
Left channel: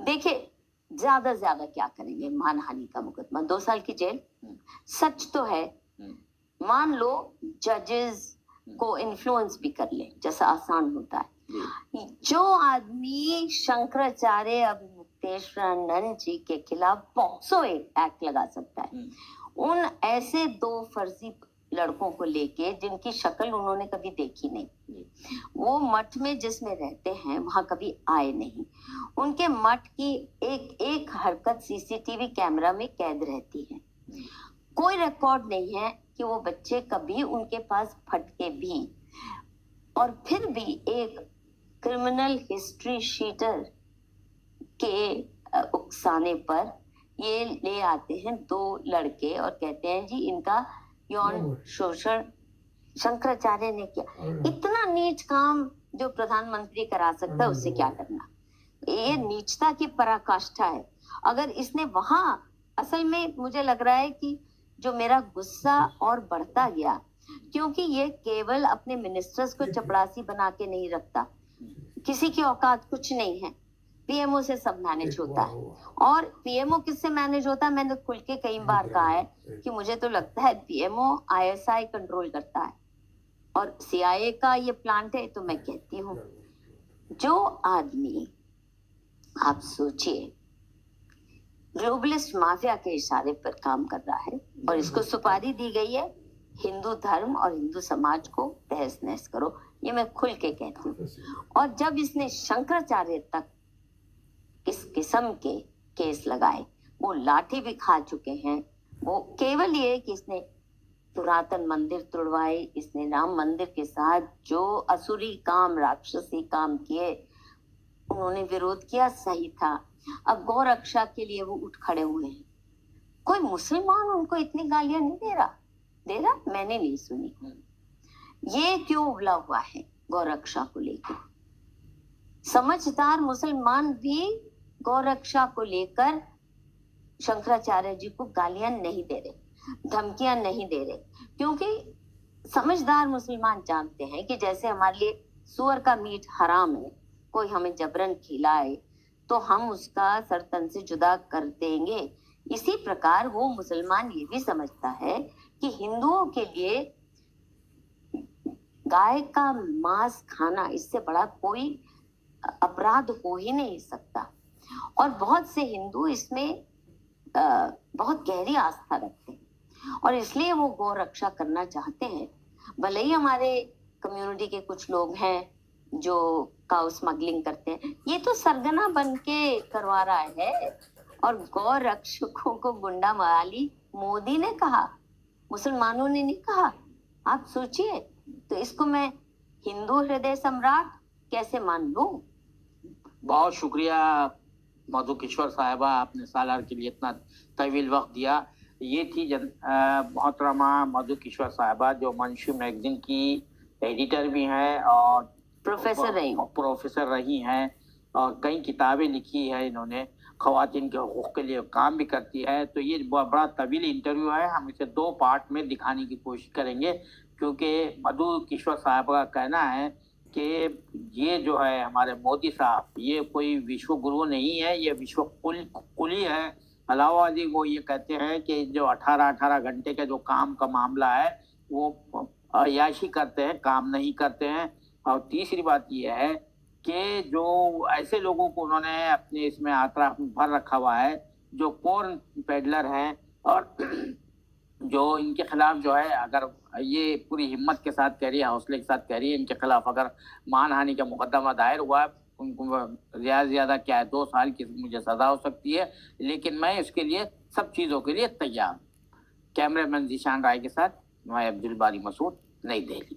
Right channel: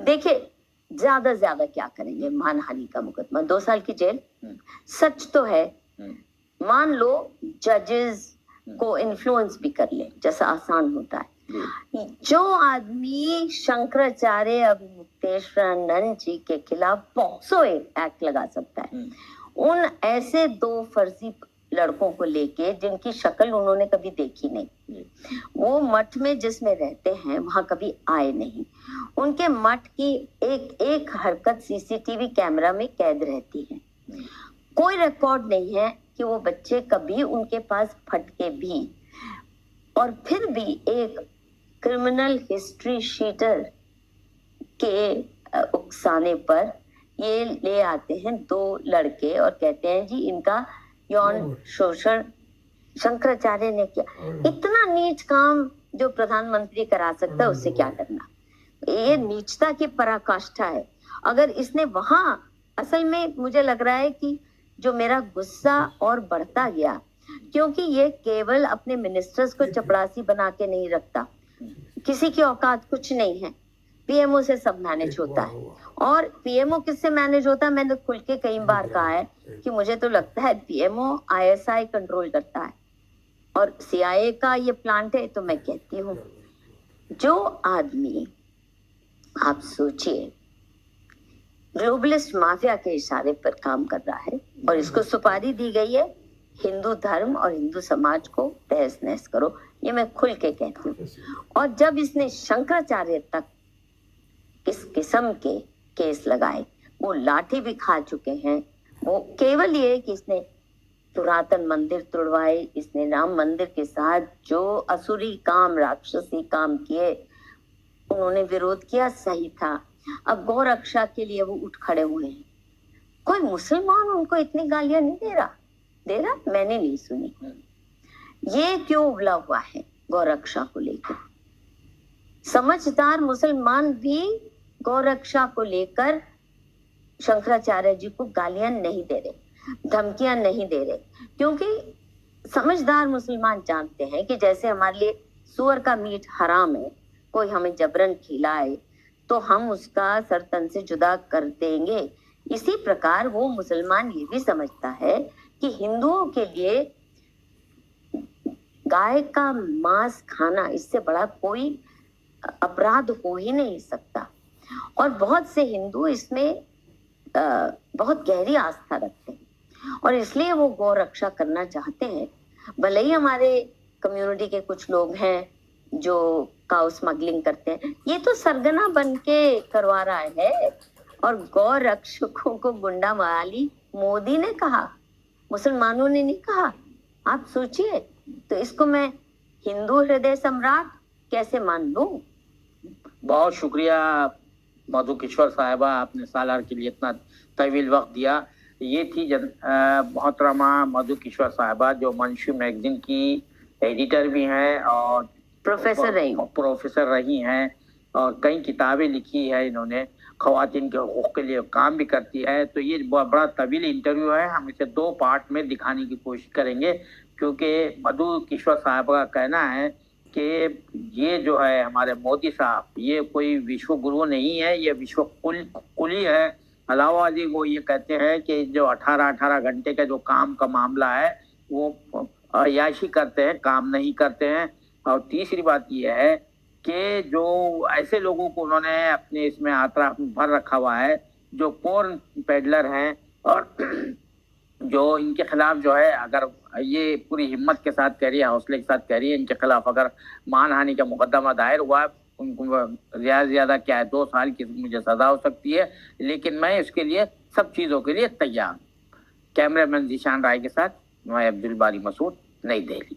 देखिए ज्यादा ज्यादा क्या करेंगे, मानहानि का मुकदमा 2 साल की जेल। सच तो है, मान लो जजेस को इन्फ्लुएंस भी कर ले, जैसा आसान होता है। जो आदमी शंकराचार्य अवधेशानंद जी के खिलाफ पॉक्सो एक्ट लगा सकता है, उन ऐसे 2 फर्जी लड़कों को लेके जिनकी शक्ल उन्होंने कभी देखी नहीं, वो मठ में जिसमें रहते हैं वहां कभी आए नहीं, उनके मठ की एक एक हरकत सीसीटीवी कैमरा में कैद रहती है, कोई रिकॉर्ड नहीं है कि वो बच्चे कभी उनके पास फटके भी, और फिर भी एक क्रिमिनल हिस्ट्री शीटर के उकसाने पर ये ले आते हैं 2 लड़के और कहते हैं जी इनका यौन शोषण शंकराचार्य ने किया। इतना नीच काम जो प्रधानमंत्री करा सकता है, उससे क्या करना। ये नीचता की पराकाष्ठा है। अगर इसने वहां, असल में मुझे लग रहा है कि जो मेरा गुस्सा और बढ़ता गया, क्योंकि ये केवल अपने मिनिस्टर्स को चपरासी बना के नहीं रखता, किसी की औकात कुछ नहीं है, पीएमओ से सब मैनेज होता है। और पीएमओ किससे मैनेज होता है, मैंने खुल के कई बार कहा है कि मुझे तो लगता है पीएमओ आईएसआई कंट्रोल करता है और सीआईए का ये प्लांट है। तो मैं कहती हूँ, जो आदमी, आप सोचिए, ग्लोबलिस्ट माफिया के इशारे पर काम कर रहा है और इसको सुपारी दी गई है हिंदू धर्म और हिंदू समाज को तहस नहस करो, ये मैं खुल के कहती हूँ। और जब इसने शंकराचार्य तक इस किस्म के केस लगाए, वो लाठी भी खा चुके हैं। वो केवल ये कि इसने पुरातन मंदिर तोड़वाए, इसने राम मंदिर के साथ जो असुरी काम, राक्षसी काम किए, उन्होंने विरोध किया, सही था। अब गौ रक्षा के लिए वो उठ खड़े हुए हैं। कोई मुसलमान उनको इतनी गालियां नहीं दे रहा, मैंने नहीं सुनी। ये क्यों उबला हुआ है गौ रक्षा को लेकर? समझदार मुसलमान भी गौ रक्षा को लेकर शंकराचार्य जी को गालियां नहीं दे रहे, धमकियां नहीं दे रहे, क्योंकि समझदार मुसलमान जानते हैं कि जैसे हमारे लिए सुअर का मीट हराम है, कोई हमें जबरन खिलाए तो हम उसका सर तन से जुदा कर देंगे, इसी प्रकार वो मुसलमान ये भी समझता है कि हिंदुओं के लिए गाय का मांस खाना, इससे बड़ा कोई अपराध हो ही नहीं सकता। और बहुत से हिंदू इसमें बहुत गहरी आस्था रखते हैं और इसलिए वो गौ रक्षा करना चाहते हैं। भले ही हमारे कम्युनिटी के कुछ लोग हैं जो काउ स्मगलिंग करते हैं, ये तो सरगना बन के करवा रहा है। और गौ रक्षकों को गुंडा मवाली मोदी ने कहा, मुसलमानों ने नहीं कहा। आप सोचिए, तो इसको मैं हिंदू हृदय सम्राट कैसे मान लूं? बहुत शुक्रिया मधु किश्वर साहिबा, आपने सालार के लिए इतना तवील वक्त दिया। ये थी मोहतरमा मधु किश्वर साहिबा, जो मंशू मैगजीन की एडिटर भी हैं और प्रोफेसर रही हैं और कई किताबें लिखी है इन्होंने, ख़वातीन के हकूक़ के लिए काम भी करती है। तो ये बड़ा तवील इंटरव्यू है, हम इसे 2 पार्ट में दिखाने की कोशिश करेंगे, क्योंकि मधु किश्वर साहब का कहना है कि ये जो है हमारे मोदी साहब, ये कोई विश्व गुरु नहीं है, ये विश्व कुली है। अलावादी वो ये कहते हैं कि जो 18 घंटे का जो काम का मामला है वो अयाशी करते हैं, काम नहीं करते हैं। और तीसरी बात ये है कि जो ऐसे लोगों को उन्होंने अपने इसमें आतरा भर रखा हुआ है, जो पोर्न पेडलर हैं, और जो इनके खिलाफ जो है, अगर ये पूरी हिम्मत के साथ कह रही है, हौसले के साथ कह रही है, इनके खिलाफ अगर मानहानि का मुकदमा दायर हुआ, उनको ज़्यादा से ज़्यादा क्या है 2 साल की मुझे सज़ा हो सकती है, लेकिन मैं इसके लिए सब चीज़ों के लिए तैयार। कैमरामैन जीशान राय के साथ मैं अब्दुल बारी मसूद, नई दिल्ली।